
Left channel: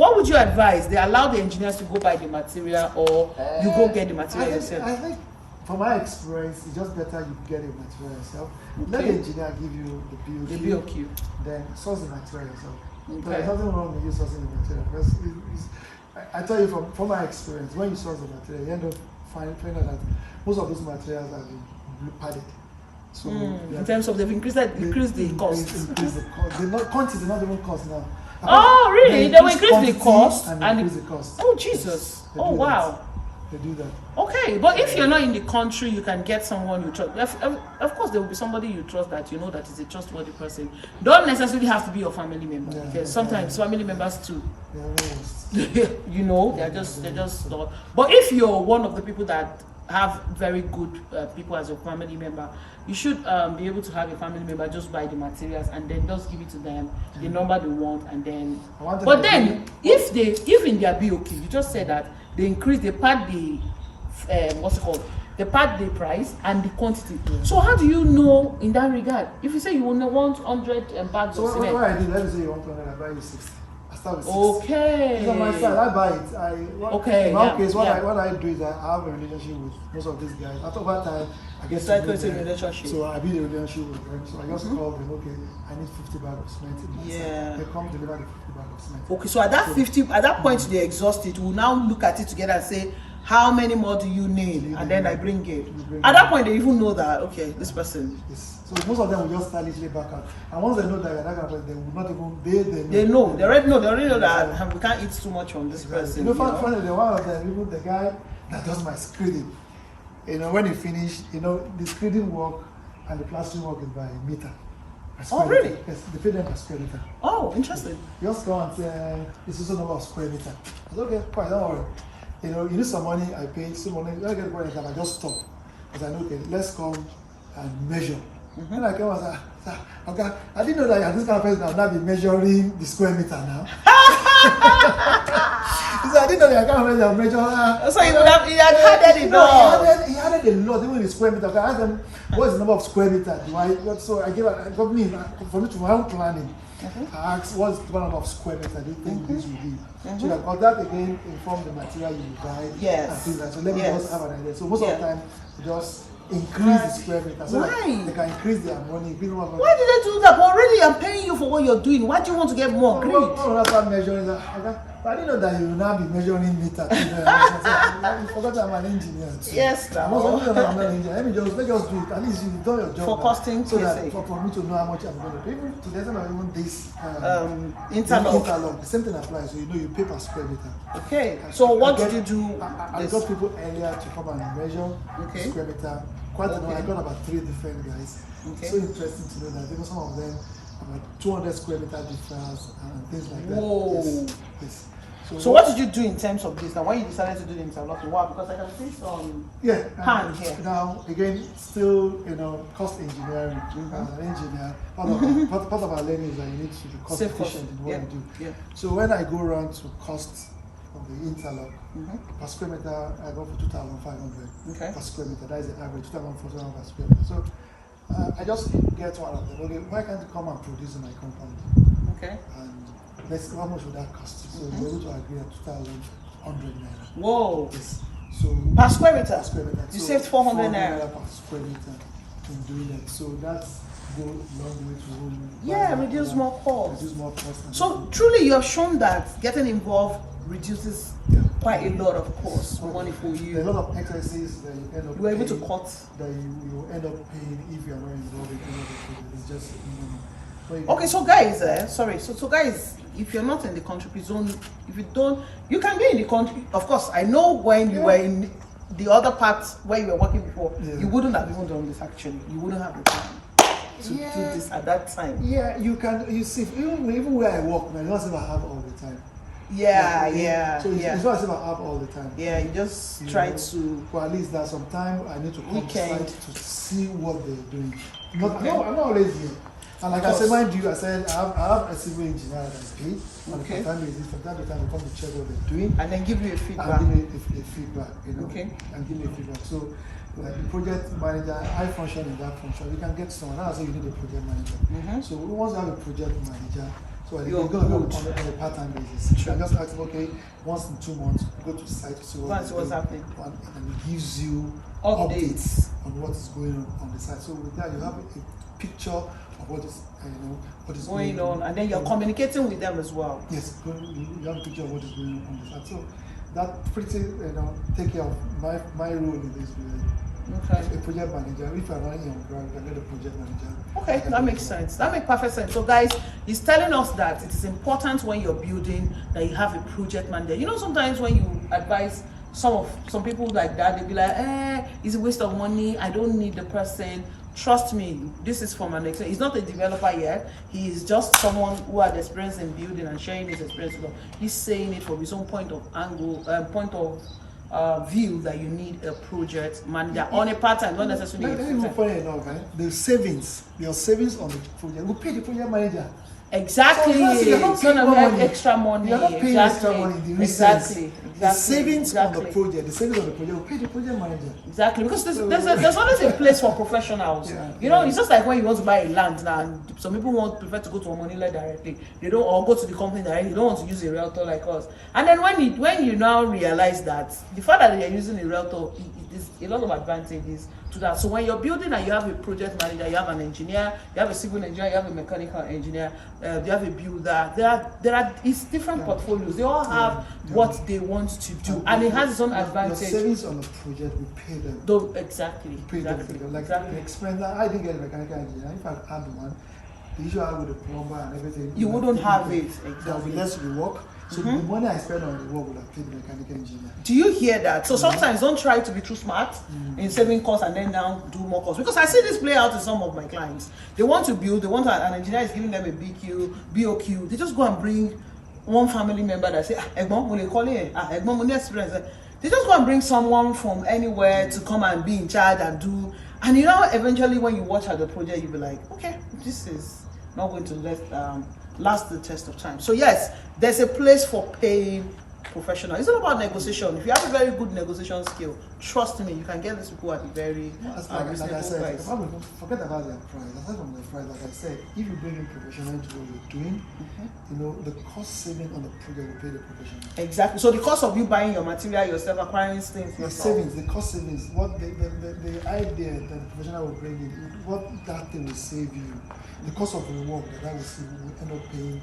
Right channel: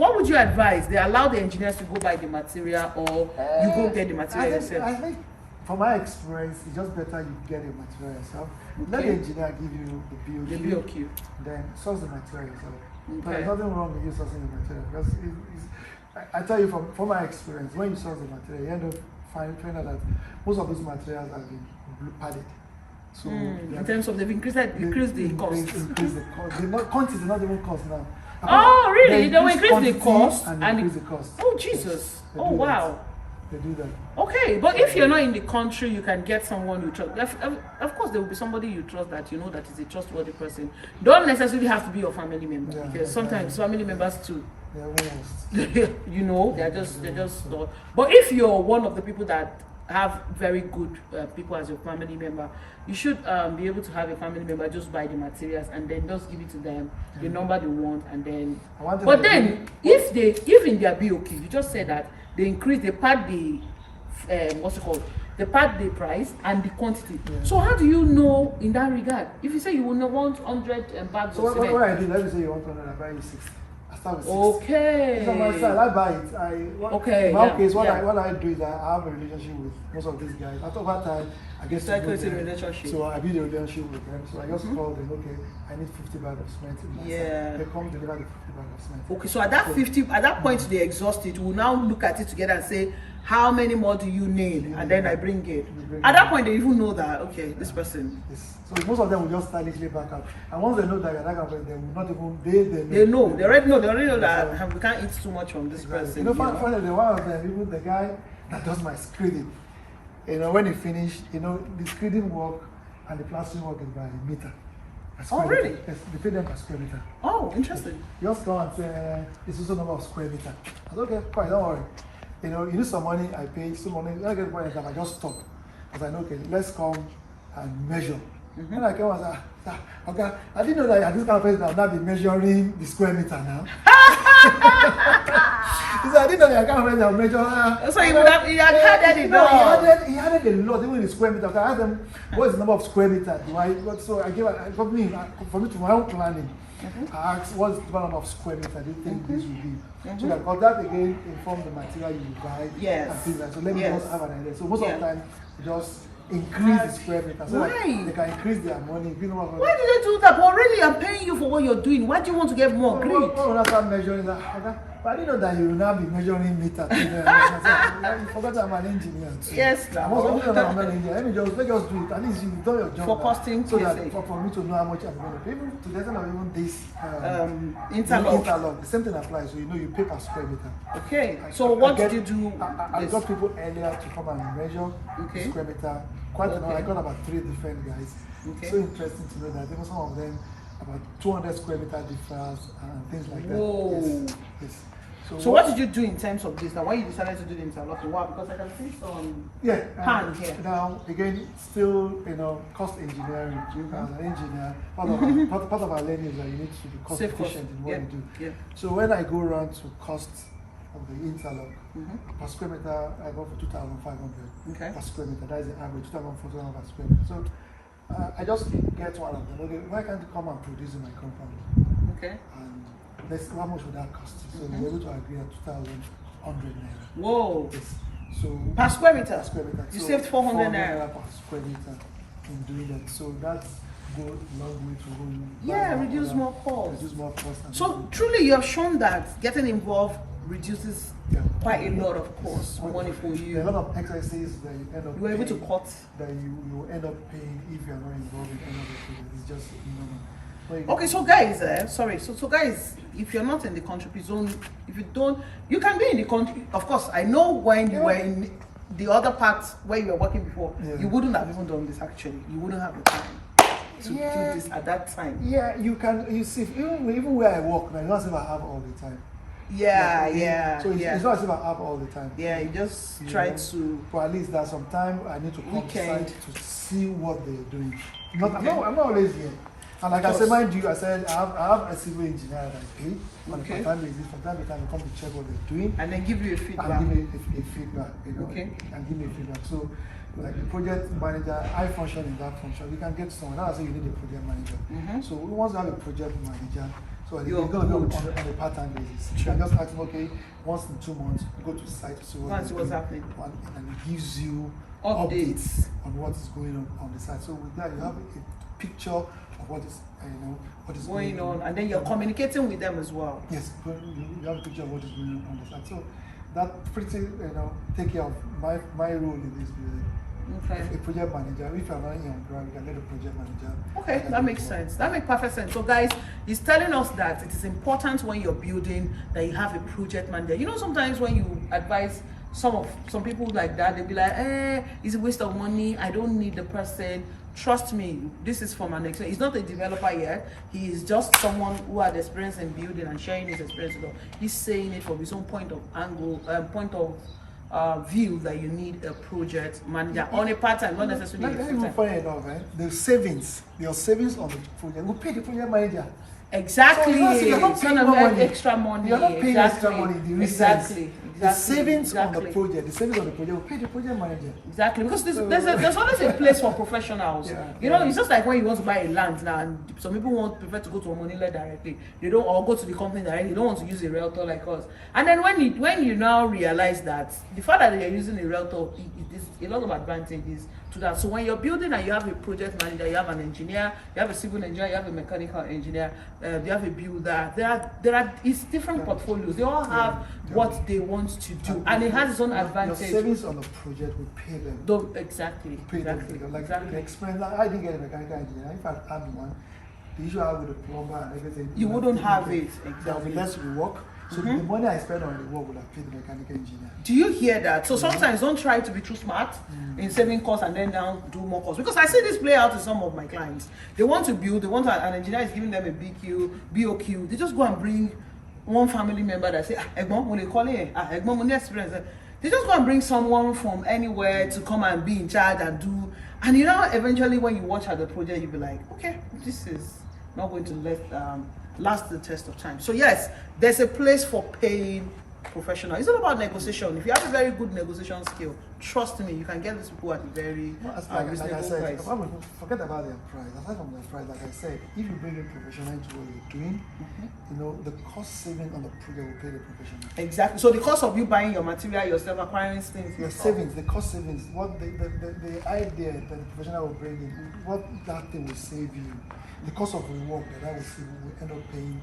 what would you advise? They allow the engineers to go buy the material, or you go get the material yourself? I think, from my experience, it's just better you get the material yourself. Let the engineer give you the BOQ. Then source the material yourself. There's nothing wrong with you sourcing the material, because I tell you from my experience, when you source the material, you end up finding out that most of these materials have been padded. So in terms of they've increased the cost. Increase the cost. The quantity is not even cost now. Oh, really? They will increase the cost and increase the cost. Oh, Jesus! Yes, oh, wow! They do that. Okay, but if you're not in the country, you can get someone you trust. Of course, there will be somebody you trust that you know that is a trustworthy person. Don't necessarily have to be your family member, because sometimes family members too. They are almost. You know, they're just not. But if you're one of the people that have very good people as your family member, you should be able to have a family member just buy the materials and then just give it to them, the number they want, and then. But then, if in their BOQ, you just said that they pad the what's it called? They pad the price and the quantity. Yeah. So how do you know in that regard? If you say you want 100 bags of cement. So what I do, let me say you want 100, I buy you 60. I start with 60. Okay. It's on my side. I buy it. In my case, what I do is I have a relationship with most of these guys. After that time, I get to know them. Relationship. So I build a relationship with them. So I just call them. Okay, I need 50 bags of cement in my side. They come deliver the 50 bags of cement. Okay, so at that point they exhaust it. We'll now look at it together and say, how many more do you need? And then I bring it. At that point, they even know that, okay, this person. Yes. So most of them will just silently back out. And once they know that you're that kind of person, they will not even, They already know that we can't eat too much from this person. You know, funny, one of them, even the guy that does my screening, when he finish, the screening work and the plastering work is by meter. Oh, really? Yes, they pay them per square meter. Oh, interesting. Just go and say, it's also number of square meter. I said, okay, fine, don't worry. You need some money, I pay some money. When I get the money, I just stop. Because I know, okay, let's come and measure. And I came and said, okay, I didn't know that this kind of person will not be measuring the square meter now. He said, I didn't know that kind of person will measure. So he had added it all. He added a lot, even in the square meter. I asked them, what is the number of square meter? So I got me, for me to my own planning. I asked, what's the number of square meter do you think this will be? So that again inform the material you buy and things like that. So let me just have an idea. So most of the time, we just increase the square meter so that they can increase their money. Why did they do that? But already I'm paying you for what you're doing. Why do you want to get more? Greed. Well, start measuring that. But I didn't know that you will now be measuring meter. You forgot I'm an engineer too. Yes, I'm not an engineer. Let's just do it. At least you've done your job. For costing, so that for me to know how much I'm going to pay. Even to the extent of even this interlock. The same thing applies. So you pay per square meter. Okay. So what did you do? I got people earlier to come and measure square meter. Quite enough. I got about 3 different guys. So interesting to know that even some of them about 200 square meter difference and things like that. Whoa. Yes. So what did you do in terms of this? And why you decided to do the interlocking? Why? Because I can see some pan here. Now again, still cost engineering. As an engineer, part of our learning is that you need to be cost efficient in what you do. Yeah. So when I go around to cost of the interlock per square meter, I go for 2,500 per square meter. That is the average, 2,400 per square meter. So I just get one of them. Okay, why can't you come and produce in my compound? Okay. And how much would that cost you? So we're able to agree at 2,100 naira. Whoa. Yes. So per square meter. Per square meter. You saved 400 naira per square meter in doing that. So that's go a long way to reduce more cost. Reduce more cost. So truly, you have shown that getting involved reduces quite a lot of cost money for you. There are a lot of exercises that you end up. You were able to cut. That you end up paying if you are not involved in any of the. It's just Okay, so guys, so guys, if you're not in the country, please don't. If you don't, you can be in the country. Of course, I know when you were in the other part where you were working before, you wouldn't have even done this. Actually, you wouldn't have the time to do this at that time. Yeah, you can. You see, even where I work, I don't as if I have all the time. So it's not as if I have all the time. Yeah, you just try to. For at least there's some time I need to come site to see what they're doing. I'm not always here. And like I said, mind you, I have a civil engineer that I pay on a part-time basis. From time to time, we come to check what they're doing. And then give you a feedback. And give me a feedback, and give me a feedback. So, like the project manager, I function in that function. You can get someone. That's why you need a project manager. So once you have a project manager, So it's going to be on a part-time basis. You can just ask them, okay, once in 2 months, go to the site to see what's happening. And it gives you updates on what is going on the site. So with that, you have a picture of what is, what is going on. And then you're communicating with them as well. Yes, you have a picture of what is going on the site. So that pretty, take care of my role in this building. Okay. A project manager. If you're not on ground, you can get a project manager. Okay, that makes sense. That makes perfect sense. So guys, he's telling us that it is important when you're building that you have a project manager. Sometimes when you advise some people like that, they'll be like, it's a waste of money. I don't need the person. Trust me, this is from an experience. He's not a developer yet. He is just someone who had experience in building and sharing his experience with us. He's saying it from his own point of view that you need a project manager on a part-time, not necessarily a full-time. Funny enough, your savings on the project will pay the project manager. Exactly. So you're not paying more money. Extra money. You're not paying extra money in the real sense. The savings on the project will pay the project manager. Exactly, because there's always a place for professionals. It's just like when you want to buy a land now, and some people prefer to go to a money lender directly. They don't, or go to the company directly. They don't want to use a realtor like us. And then when you now realize that the fact that they are using a realtor, it is a lot of advantages to that. So when you're building and you have a project manager, you have an engineer, you have a civil engineer, you have a mechanical engineer, you have a builder. It's different portfolios. They all have what they want to do, and it has its own advantage. Your savings on the project will pay them. Exactly. The expense. I didn't get a mechanical engineer. If I had one, the issue I have with the plumber and everything, you wouldn't have it. Exactly. There will be less work. So the money I spend on the work will have paid the mechanical engineer. Do you hear that? So sometimes don't try to be too smart in saving costs and then now do more costs. Because I see this play out in some of my clients. They want to build, an engineer is giving them a BOQ. They just go and bring one family member that say, they just go and bring someone from anywhere to come and be in charge and do. And eventually when you watch at the project, you'll be like, okay, this is not going to last the test of time. So yes, there's a place for paying professional. It's all about negotiation. If you have a very good negotiation skill, trust me, you can get these people at a very reasonable price. Forget about their price. Aside from their price, like I said, if you bring in professional into what you're doing, the cost saving on the project will pay the professional. Exactly. So the cost of you buying your material yourself, acquiring things yourself. The cost savings, what the idea that the professional will bring in, what that thing will save you, the cost of the work that will save you will end up paying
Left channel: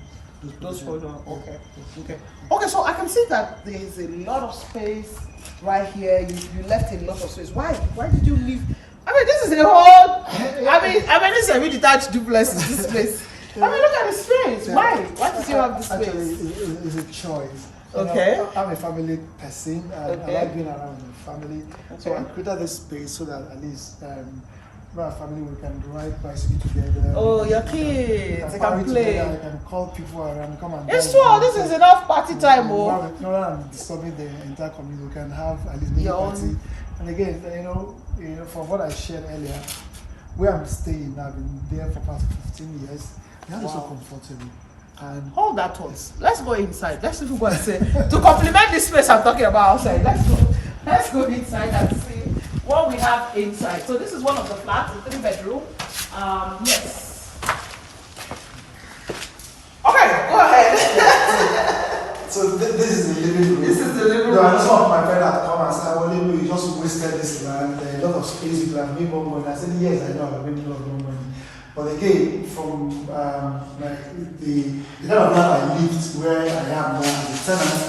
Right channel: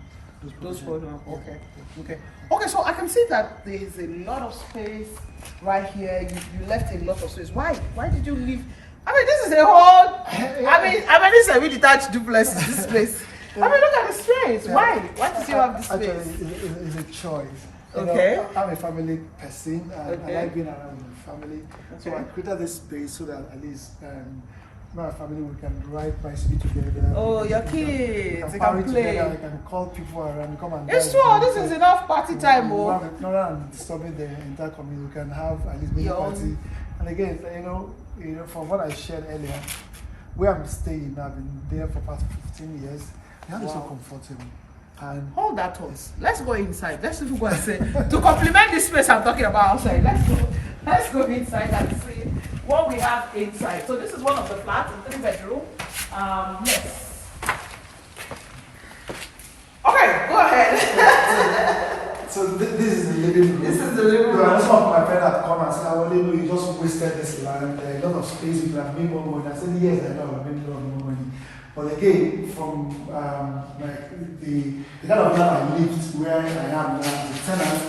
those professionals. Okay, so I can see that there is a lot of space right here. You left a lot of space. Why did you leave? I mean, this is a whole. This is a detached duplex. This place. Look at the space. Why? Why did you have this space? Actually, it's a choice. Okay. I'm a family person. I like being around my family. So I created this space so that at least my family, we can ride bicycle together. Oh, your kids, they can play together. We can call people around, come and it's true. This is enough party time. Rather than disturbing the entire community, we can have at least mini party. And again, from what I shared earlier, where I'm staying, I've been there for past 15 years. Now it's so comfortable. And hold that thought. Let's go inside. Let's see if we go and say to complement this space I'm talking about outside. Let's go inside and see what we have inside. So this is one of the flats, a 3-bedroom. Yes. Okay, go ahead. So this is the living room. This is the living room. Some of my friends had come and said, "Oh, you just wasted this land. There's a lot of space. You can have made more money." I said, "Yes, I know. I've made more money." But again, from the kind of land I lived where I am now as a tenant,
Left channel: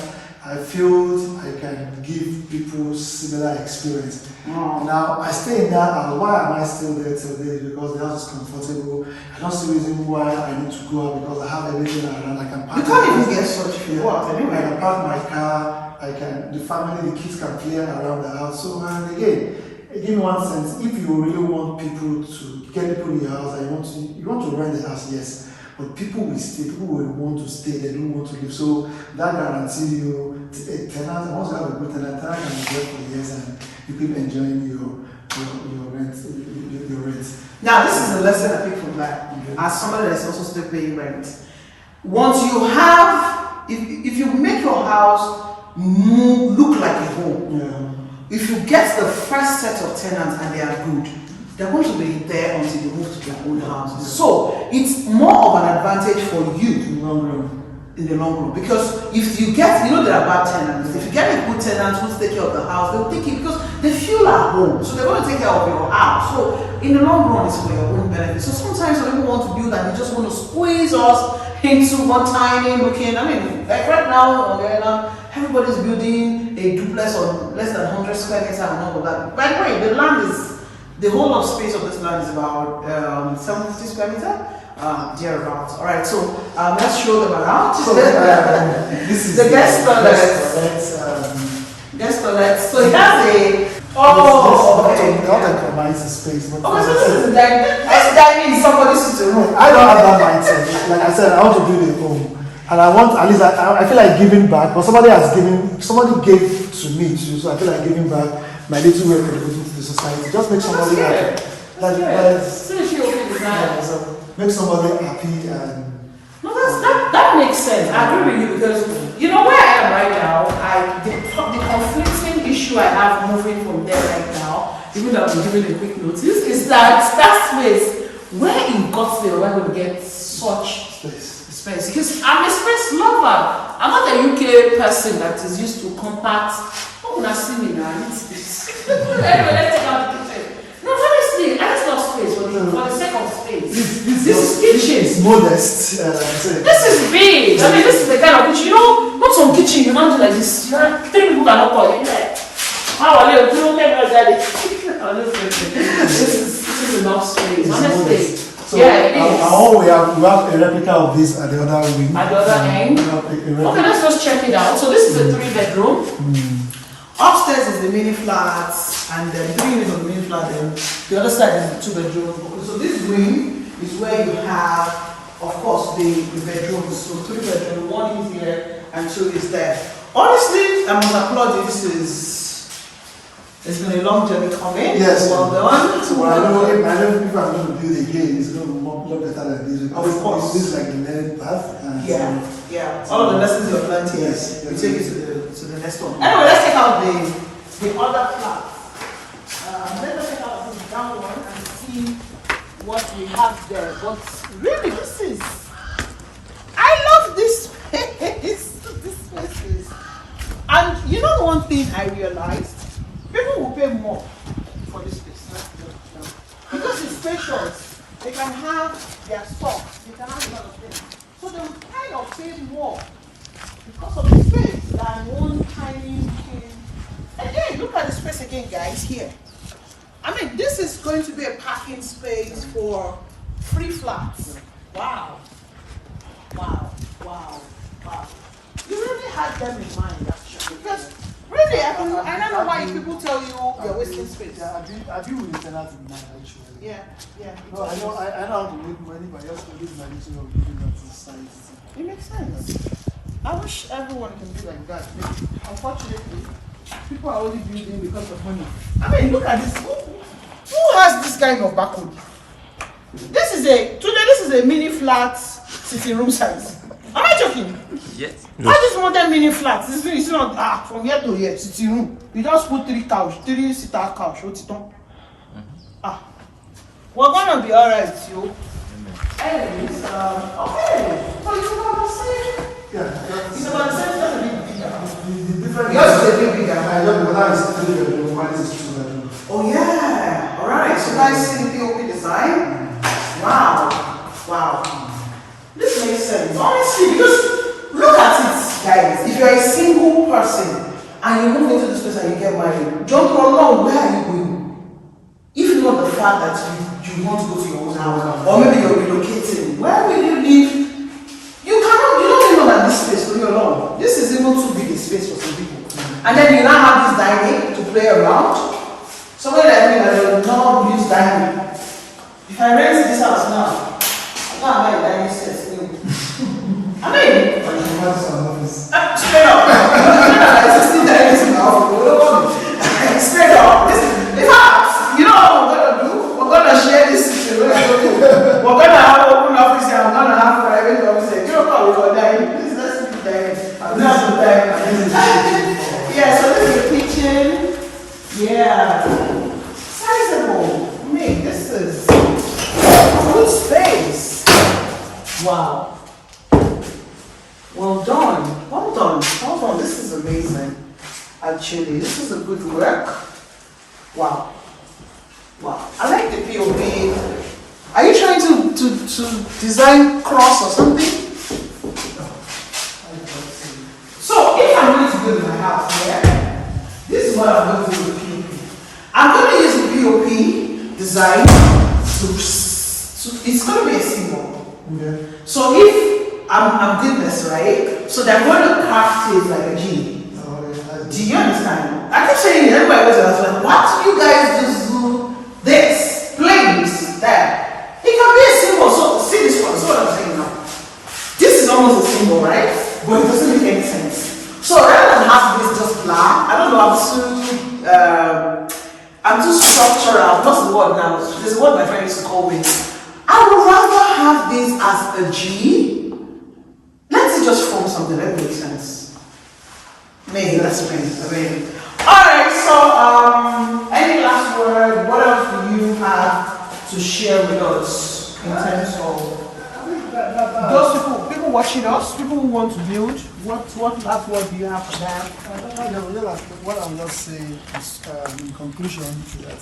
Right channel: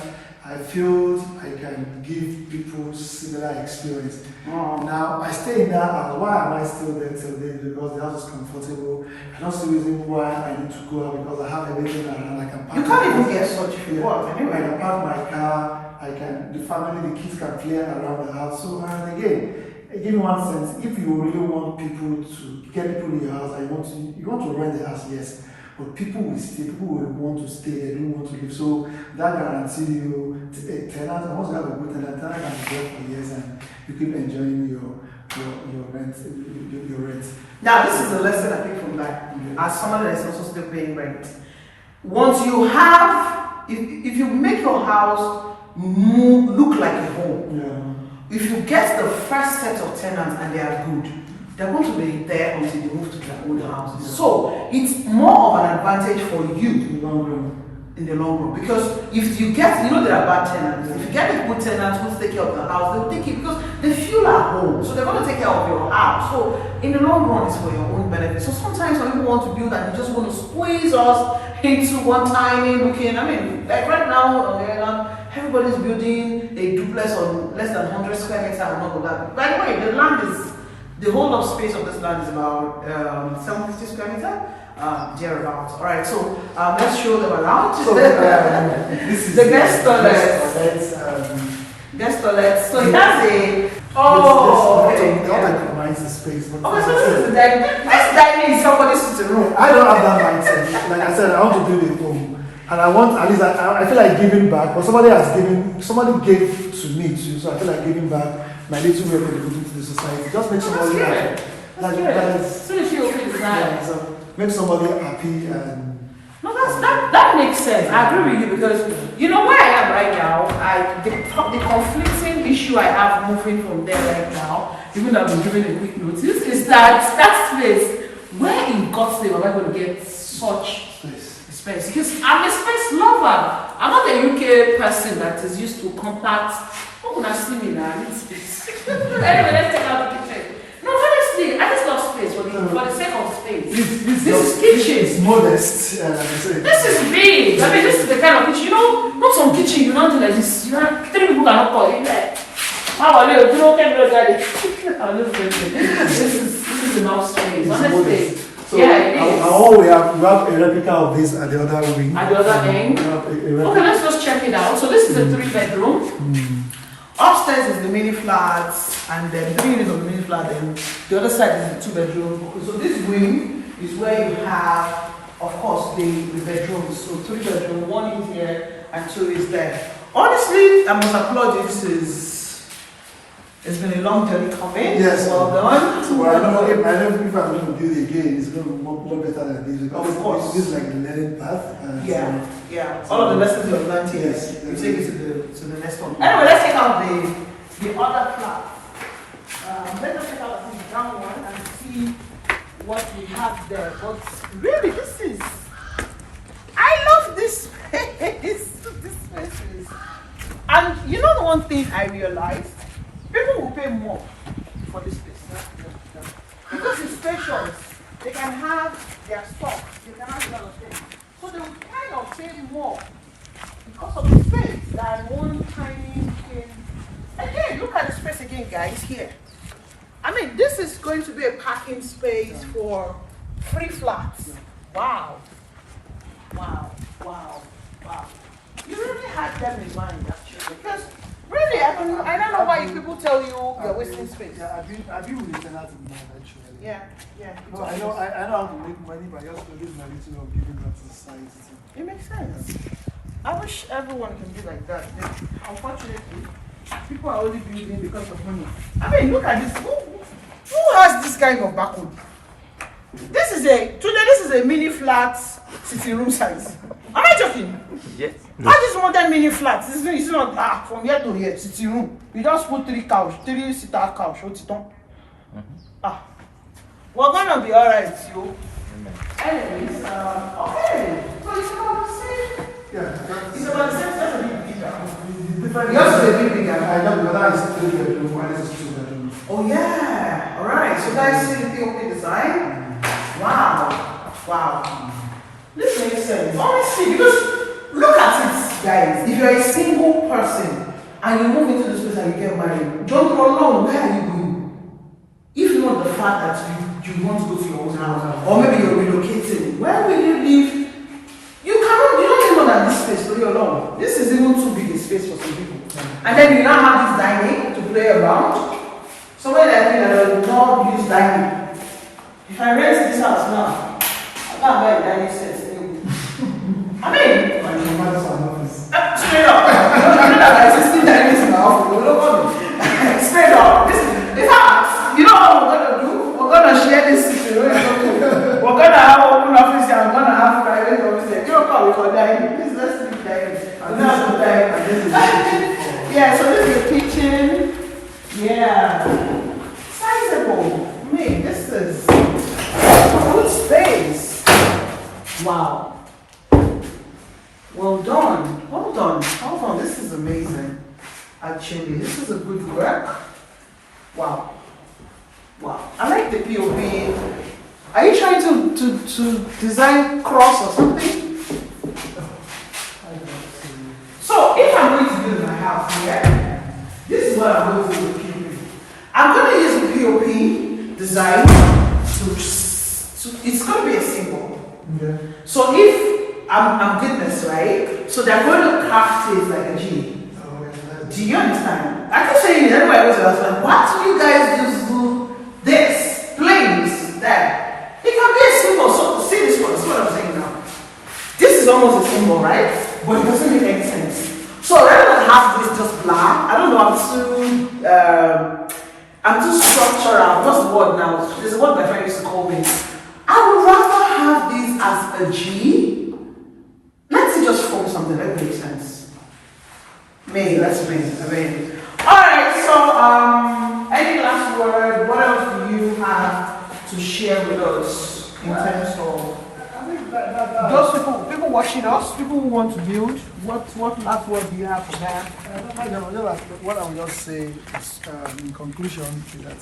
I feel I can give people similar experience. Now, I stay in that, and why am I still there today? Because the house is comfortable. I don't see reason why I need to go out because I have everything around. I can park. You can't even get such if you want. I can park my car. The family, the kids can play around the house. So, and again, give me one sense. If you really want people to get people in your house, and you want to rent the house, yes. But people will stay, people will want to stay, they don't want to live. So that guarantees you a tenant, and once you have a good tenant can be there for years and you keep enjoying your rent. Now this is the lesson I pick from that. As somebody that is also still paying rent. Once you have, if you make your house look like a home, if you get the first set of tenants and they are good, they're going to be there until they move to their own houses. So it's more of an advantage for you in the long run, because if you get, there are bad tenants. If you get a good tenant who's take care of the house, they'll take it because they feel at home. So they're going to take care of your house. So in the long run, it's for your own benefit. So sometimes when people want to build and they just want to squeeze us into one tiny looking, like right now on the island, everybody's building a duplex on less than 100 square meters and all of that. By the way, the whole of space of this land is about 750 square meters. Thereabouts. All right, so let's show them around. So this is the guest toilet. Guest toilet. So it has a. Oh, okay. Not a nice space. Okay, so this is the dining. This dining is somebody's sitting room. I don't have that mindset. Like I said, I want to build a home, and I want at least I feel like giving back. But somebody gave to me too, so I feel like giving back my little way to the society. Just make somebody happy. Make somebody happy and. No, that makes sense. I agree with you, because you know where I am right now. The conflicting issue I have moving from there right now, even though I've been given a quick notice, is that space. Where in God's name am I going to get such space? Because I'm a space lover. I'm not a UK person that is used to compact. Oh, when I see me now, I need space. Anyway, let's take out the kitchen. No, honestly, I just love space for the sake of space. This is kitchen. It's modest. This is big. I mean, this is the kind of kitchen. Not some kitchen. You don't do like this. 3 people cannot call you. How are you? You don't get me. This is enough space. Honestly. So we have a replica of this at the other wing. At the other end. Okay, let's just check it out. So this is a 3-bedroom. Upstairs is the mini flats, and then 3 units on the mini flat, and the other side is the 2-bedroom. So this wing is where you have, of course, the bedrooms. So 3 bedroom, 1 is here and 2 is there. Honestly, I must applaud you. It's been a long journey coming. Yes. Well done. So I know if I'm going to build again, it's going to be much better than this. Of course. This is like the learning path. Yeah. All of the lessons you've learned here, we take it to the next one. Anyway, let's take out the other flat. Let us take out the down one and see what we have there. But really, I love this space. This space is. And you know the one thing I realized? People will pay more for this space. Because it's spacious. They can have their stuff. They can have a lot of things. So they will kind of pay more because of the space than one tiny thing. Again, look at the space again, guys, here. I mean, this is going to be a parking space for 3 flats. Wow. You really had them in mind, actually. Because really, I don't know why people tell you you're wasting space. Yeah, I do with the tenants in mind, actually. Yeah. No, I know how to make money, but I also use my little of giving that to society. It makes sense. I wish everyone can be like that. But unfortunately, people are only building because of money. I mean, look at this. Who has this kind of backwood? This is a mini flat sitting room size. Am I joking? Yes. No. I just want that mini flat. This is not from here to here, sitting room. You just put 3 seater couch. What's it on? We're gonna be alright, yo. Anyways, okay. So you know what I'm saying? Yeah. You know what I'm saying? That's a bit bigger. Yours is a bit bigger. I know, but that is 3 bedroom, mine is 2 bedroom. Oh yeah. Alright. So guys see the POP design? Wow. This makes sense. Honestly, because look at it, guys. If you're a single person and you move into this place and you get married, don't run long. Where are you going? If not the fact that you want to go to your own house, or maybe you're relocating, where will you live? You don't even know that this space will be alone. This is even too big a space for some people. And then you now have this dining to play around. Somewhere like me that will not use dining. If I rent this house now, I can't buy a dining set. I mean, straight up. Like 16 dining in my office. Straight up. In fact, you know what we're gonna do? We're gonna share this situation. We're gonna have open office here. I'm gonna have private office here. You know what we call dining? Let's speak dining. Yeah, so this is the kitchen. Yeah. Sizable. Man, this Wow. Well done. Hold on. Hold on. This is amazing. Actually, this is a good work. Wow. Wow. I like the POP. Are you trying to design cross or something? So if I'm going to build my house here, this is what I'm going to do with POP. I'm going to use the POP design to it's going to be a symbol. Okay. So if I'm doing this, right? So they're going to craft it like a G. Do you understand? I keep saying everybody goes to ask, what do you guys just do this? Planes there. It can be a symbol. So see this one. See what I'm saying now? This is almost a symbol, right? But it doesn't make any sense. So rather than have this just blah, I don't know, I'm too structural. What's the word now? There's a word my friend used to call me. I would rather have this as a G. Let's just form something that makes sense. Maybe that's me. Alright, so any last word, what else do you have to share with us in terms of those people watching us, people who want to build, what last word do you have for them? What I will just say is, in conclusion, is that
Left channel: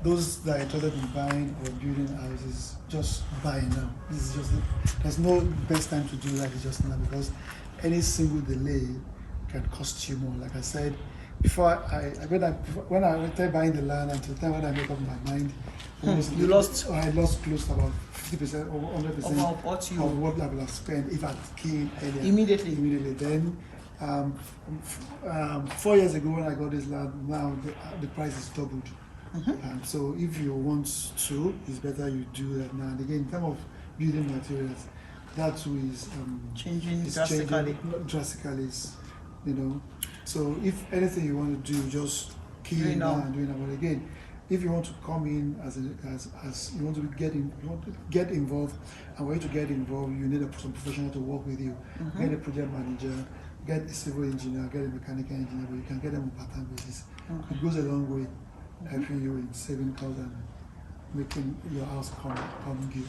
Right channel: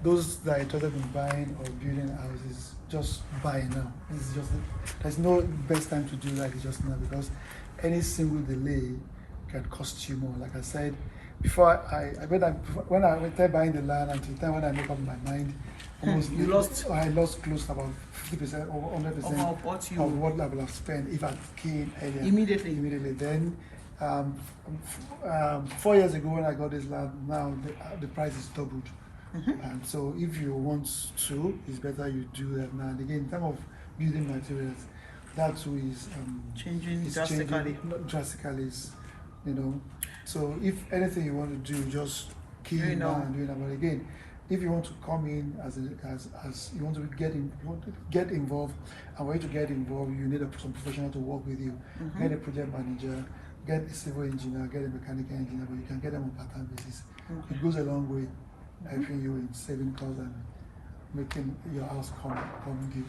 those that are interested in buying or building houses, just buy now. This is just there's no best time to do that. It's just now, because any single delay can cost you more. Like I said before, when I started buying the land, until the time when I make up my mind, I lost close to about 50% or 100% of what I would have spent if I came earlier. Immediately. Then 4 years ago when I got this land, now the price is doubled. And so if you want to, it's better you do that now. And again, in terms of building materials, that too is changing drastically, you know. So if anything you want to do, just keep it now and do it now. But again, if you want to come in as you want to get involved, and for you to get involved, you need some professional to work with you. Get a project manager, get a civil engineer, get a mechanical engineer, but you can get them on part-time basis. It goes a long way, helping you in saving costs and making your house come good.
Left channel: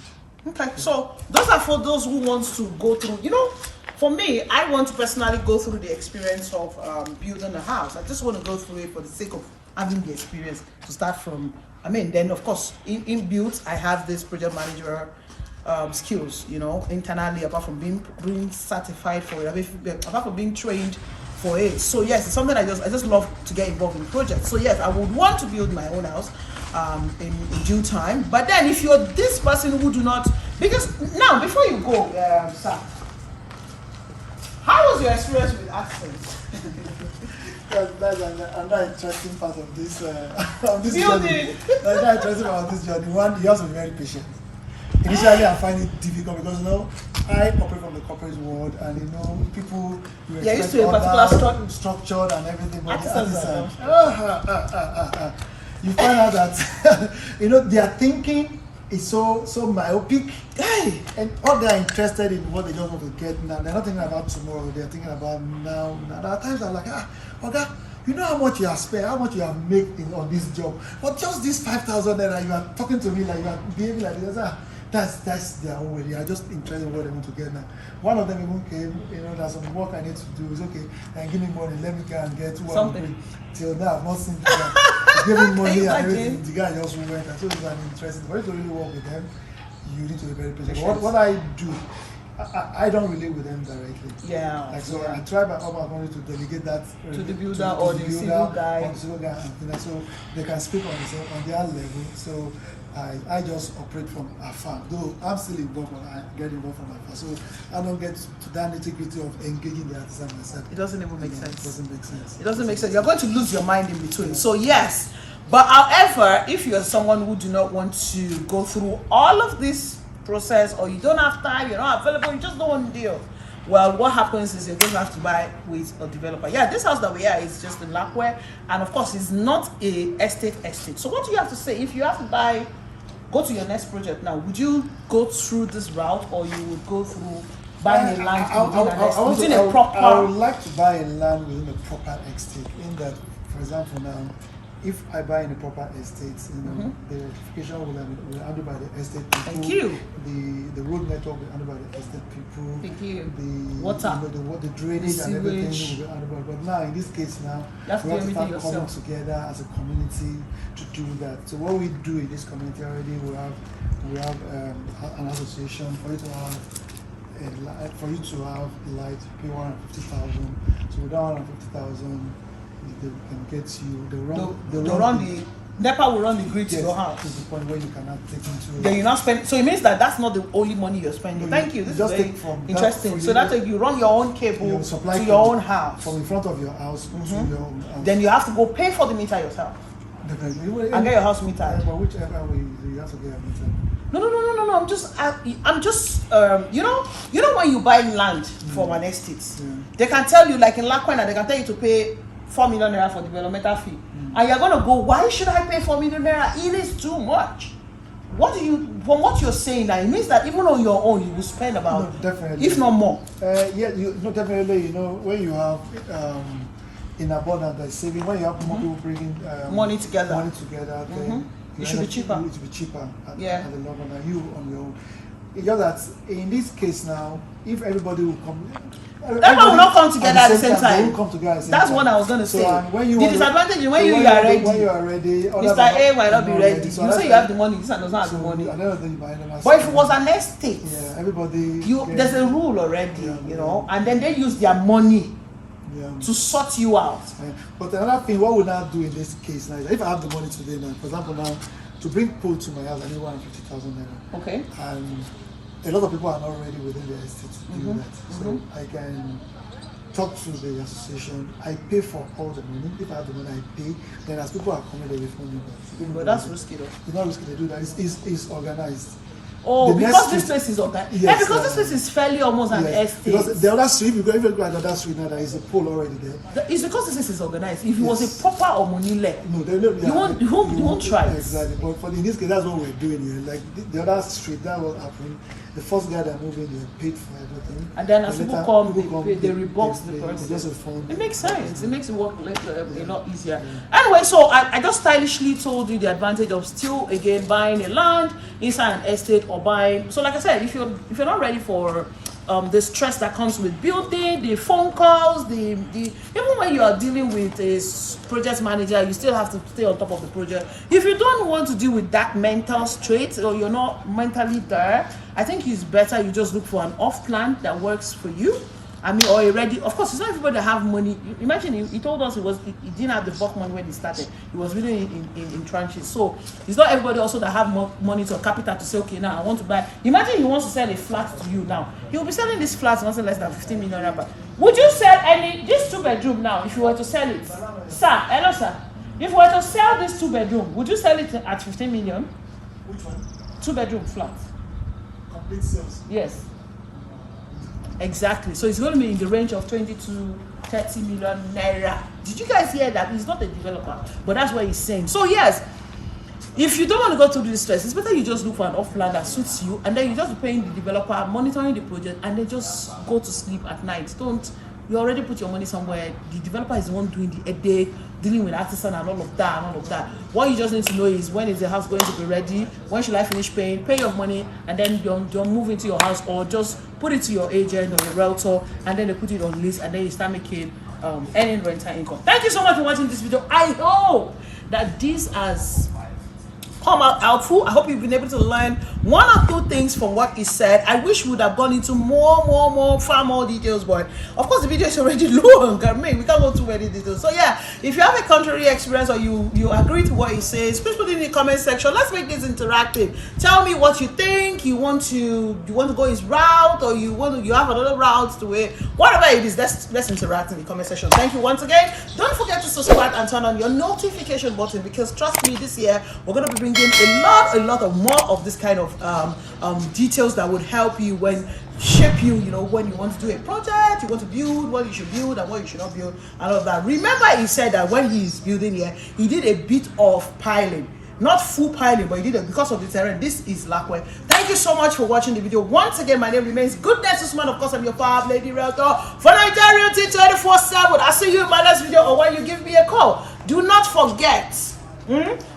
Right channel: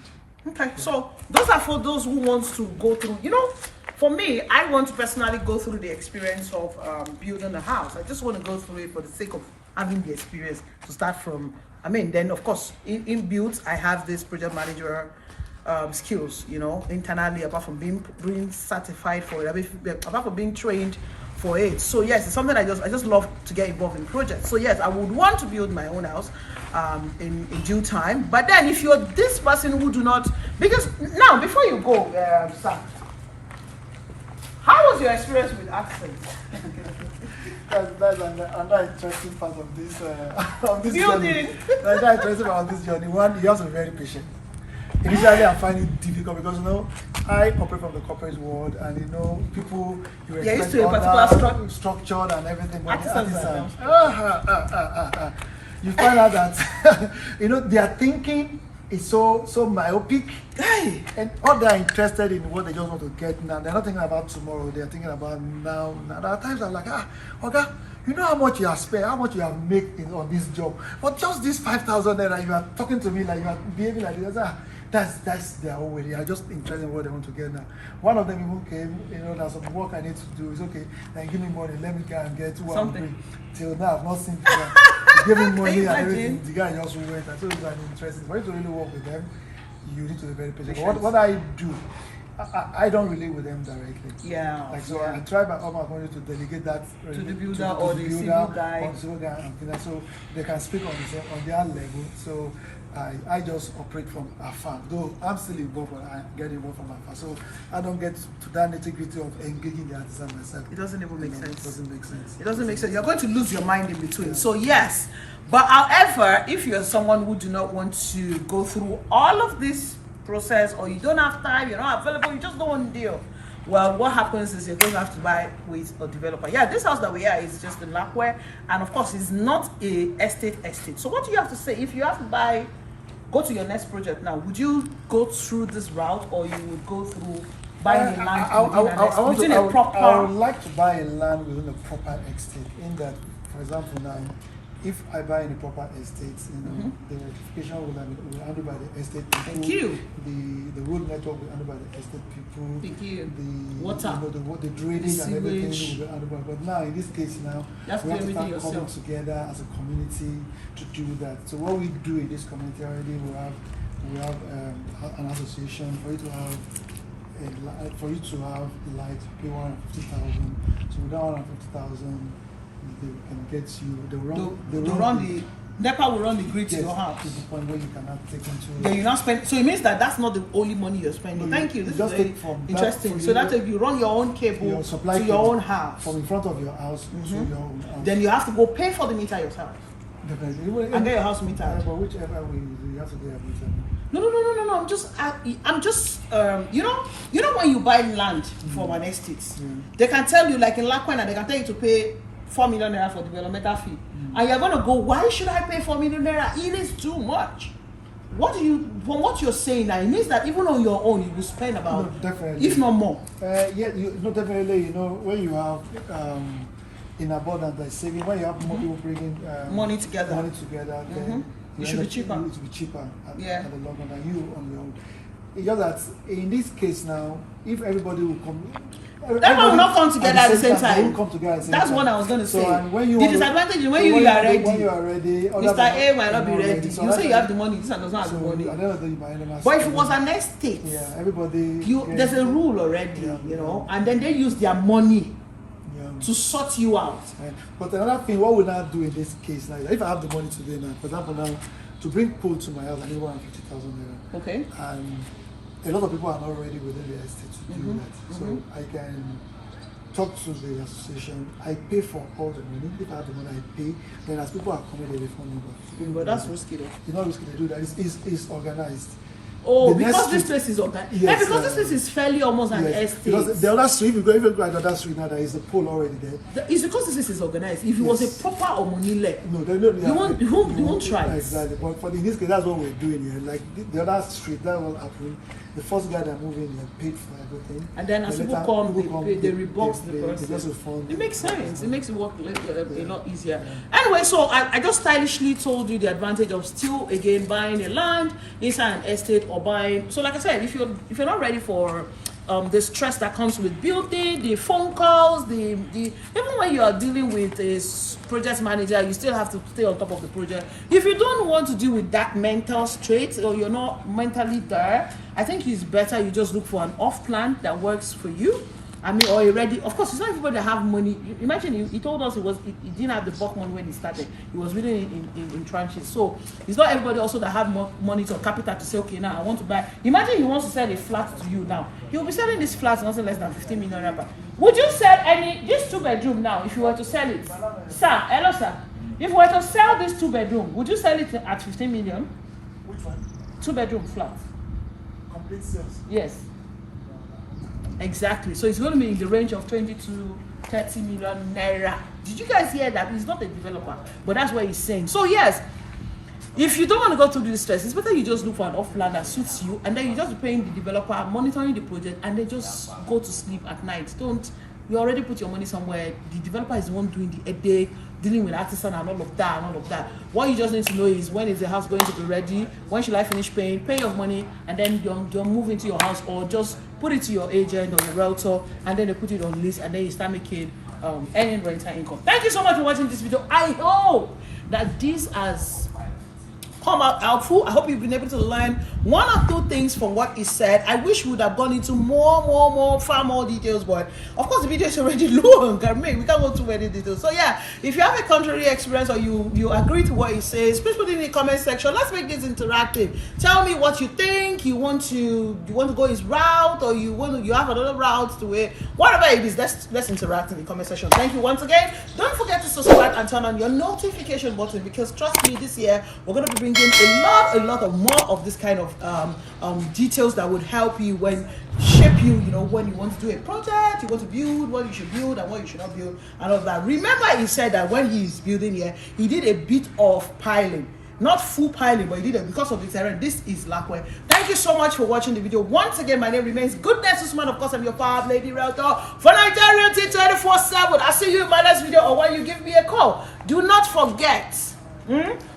Okay, so those are for those who want to go through, you know, for me, I want to personally go through the experience of building a house. I just want to go through it for the sake of having the experience to start from. I mean, then of course, in build, I have this project manager skills, you know, internally, apart from being certified for it, apart from being trained for it. So yes, it's something I just love to get involved in projects. So yes, I would want to build my own house in due time. But then if you're this person who do not, because now before you go, sir, how was your experience with accents? That's another interesting part of this building. Journey. Another interesting part of this journey. One, you have to be very patient. Initially, I find it difficult because, you know, I operate from the corporate world, and you know, people you expect to a particular structured and everything, but the artisan, you find out that you know their thinking is so myopic, and all they are interested in what they just want to get now. They're not thinking about tomorrow. They're thinking about now. There are times I'm like, okay, you know how much you have spent, how much you have made on this job, but just this 5,000 naira, you are talking to me like you are behaving like this. That's their own way. They are just interested in what they want to get now. One of them even came, you know, there's some work I need to do. It's okay, and give me money. Let me go and get who I'm doing. Till now, I've not seen the guy. Give me money and everything. The guy just went. And so it's an interesting. For you to really work with them, you need to be very patient. What I do, I don't relate with them directly. Yeah. Like so, I try by all my money to delegate that to the builder or the civil guy. Or the civil guy, and so they can speak on their level. So I just operate from afar. Though I'm still involved, but I get involved from afar. So I don't get to that nitty-gritty of engaging the artisan myself. It doesn't even make sense. It doesn't make sense. It doesn't make sense. You're going to lose your mind in between. Yeah. So yes, but however, if you're someone who do not want to go through all of this process, or you don't have time, you're not available, you just don't want to deal, well, what happens is you're going to have to buy with a developer. Yeah, this house that we are is just in Lakwe, and of course it's not a estate. So what do you have to say if you have to go to your next project now? Would you go through this route, or you would go through buying a land within a proper? I would like to buy a land within a proper estate. In that, for example, now if I buy in a proper estate, the electrification will be handled by the estate people. Thank you. The road network will be handled by the estate people. Thank you. The water, the drainage and everything sewage. will be handled by. But now in this case now, we have to start coming together as a community to do that. So what we do in this community already, we have an association for you to have. For you to have light, pay 150,000. So with that 150,000, they can get you. They run the NEPA will run the grid to your house. To the point where you cannot take into. Then you not spend. So it means that that's not the only money you're spending. No, Thank you. This just is take from interesting. That so that's like you run your own cable to your own house. From in front of your house to your own house. Then you have to go pay for the meter yourself. Definitely. And get your house metered. But whichever way you have to get a meter. No. I'm just you know when you buy land from an estate, they can tell you, like in Lakwena, they can tell you to pay 4 million naira for developmental fee, and you're gonna go, why should I pay 4 million naira? It is too much. From what you're saying now, it means that even on your own you will spend about, definitely, if not more. Definitely. When you have in abundance, like saving, when you have more people bringing money together, then it should be cheaper. It will be cheaper at the long run than you on your own. It's just that in this case now, if everybody will come, everyone will not come together at the same time. They will come together at the same time. That's what I was going to say. And when you the disadvantage is when you are ready. When you are ready, Mr. A might not be ready. So you say you have the money, this one does not have the money. But if it was an estate, everybody. There's a rule already, and then they use their money to sort you out. But another thing, what we now do in this case now, if I have the money today now, for example now, to bring pole to my house, I need 150,000 naira. Okay. And a lot of people are not ready within the estate to do that. So I can talk to the association. I pay for all the money. If I have the money, I pay. Then as people are coming, they refund me. But that's risky though. It's not risky to do that. It's organized. Oh, because this place is organized. Yes, because this place is fairly almost an estate. Because the other street, if you go to the other street now, there is a pole already there. It's because this place is organized. If it was a proper Omonile, no, you won't try it. Exactly. But in this case, that's what we're doing here. Like the other street, that was happening. The first guy that moved in, they paid for everything. And then as people come, they rebox the person. They just refund. It makes sense. It makes it work a lot easier. Anyway, so I just stylishly told you the advantage of still again buying a land inside an estate or buying. So like I said, if you're not ready for the stress that comes with building, the phone calls, the even when you are dealing with a project manager, you still have to stay on top of the project. If you don't want to deal with that mental straight, or you're not mentally there, I think it's better you just look for an off plan that works for you. I mean, or already, of course, it's not everybody that have money. Imagine he told us he didn't have the bulk money when he started. He was really in tranches. So it's not everybody also that have money or capital to say, okay, now I want to buy. Imagine he wants to sell a flat to you now. He will be selling this flat nothing less than 15 million naira. Would you sell this 2-bedroom now if you were to sell it? Sir, hello sir. If you were to sell this 2-bedroom, would you sell it at 15 million? Which one? 2-bedroom flat. Complete sales? Yes. Exactly. So it's going to be in the range of 20 to 30 million naira. Did you guys hear that? He's not a developer, but that's what he's saying. So yes, if you don't want to go through this stress, it's better you just look for an off plan that suits you, and then you just be paying the developer, monitoring the project, and then just go to sleep at night. You already put your money somewhere. The developer is the one doing the headache, dealing with artisan and all of that. What you just need to know is, when is the house going to be ready? When should I finish paying? Pay your money, and then you move into your house, or just put it to your agent or your realtor, and then they put it on list, and then you start making earning rental income. Thank you so much for watching this video. I hope that this has come out helpful. I hope you've been able to learn one or two things from what he said. I wish we would have gone into far more details, but of course the video is already long. We can't go too many details. So yeah, if you have a contrary experience, or you agree to what he says, please put it in the comment section. Let's make this interactive. Tell me what you think. You want to go his route, or you have another route to it. Whatever it is, let's interact in the comment section. Thank you once again. Don't forget to subscribe and turn on your notification button, because trust me, this year we're going to be bringing a lot of more of this kind of details that would help you shape you, when you want to do a project, you want to build, what you should build and what you should not build, and all of that. Remember, he said that when he is building here, he did a bit of piling. not full piling, but you did it because of the terrain. This is Lakwe. Thank you so much for watching the video. Once again, my name remains Goodness Usman. Of course, I'm your Power Lady Realtor for Nigeria 24/7. I'll see you in my next video or when you give me a call. Do not forget,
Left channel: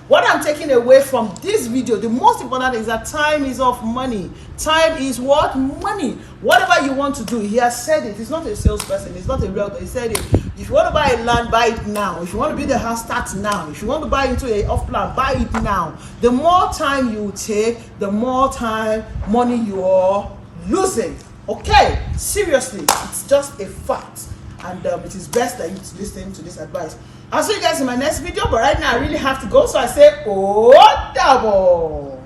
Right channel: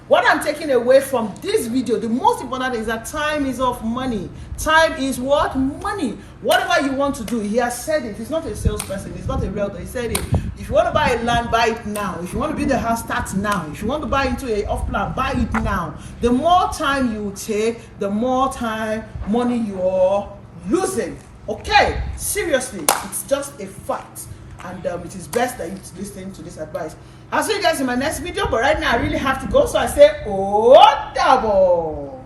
what I'm taking away from this video, the most important is that time is of money. Time is what? Money. Whatever you want to do, he has said it. He's not a salesperson. He's not a realtor. He said it. If you want to buy a land, buy it now. If you want to build a house, start now. If you want to buy into a off plan, buy it now. The more time you take, the more time, money you are losing. Okay? Seriously, it's just a fact. And it is best that you listen to this advice. I'll see you guys in my next video, but right now I really have to go, so I say, oh, double.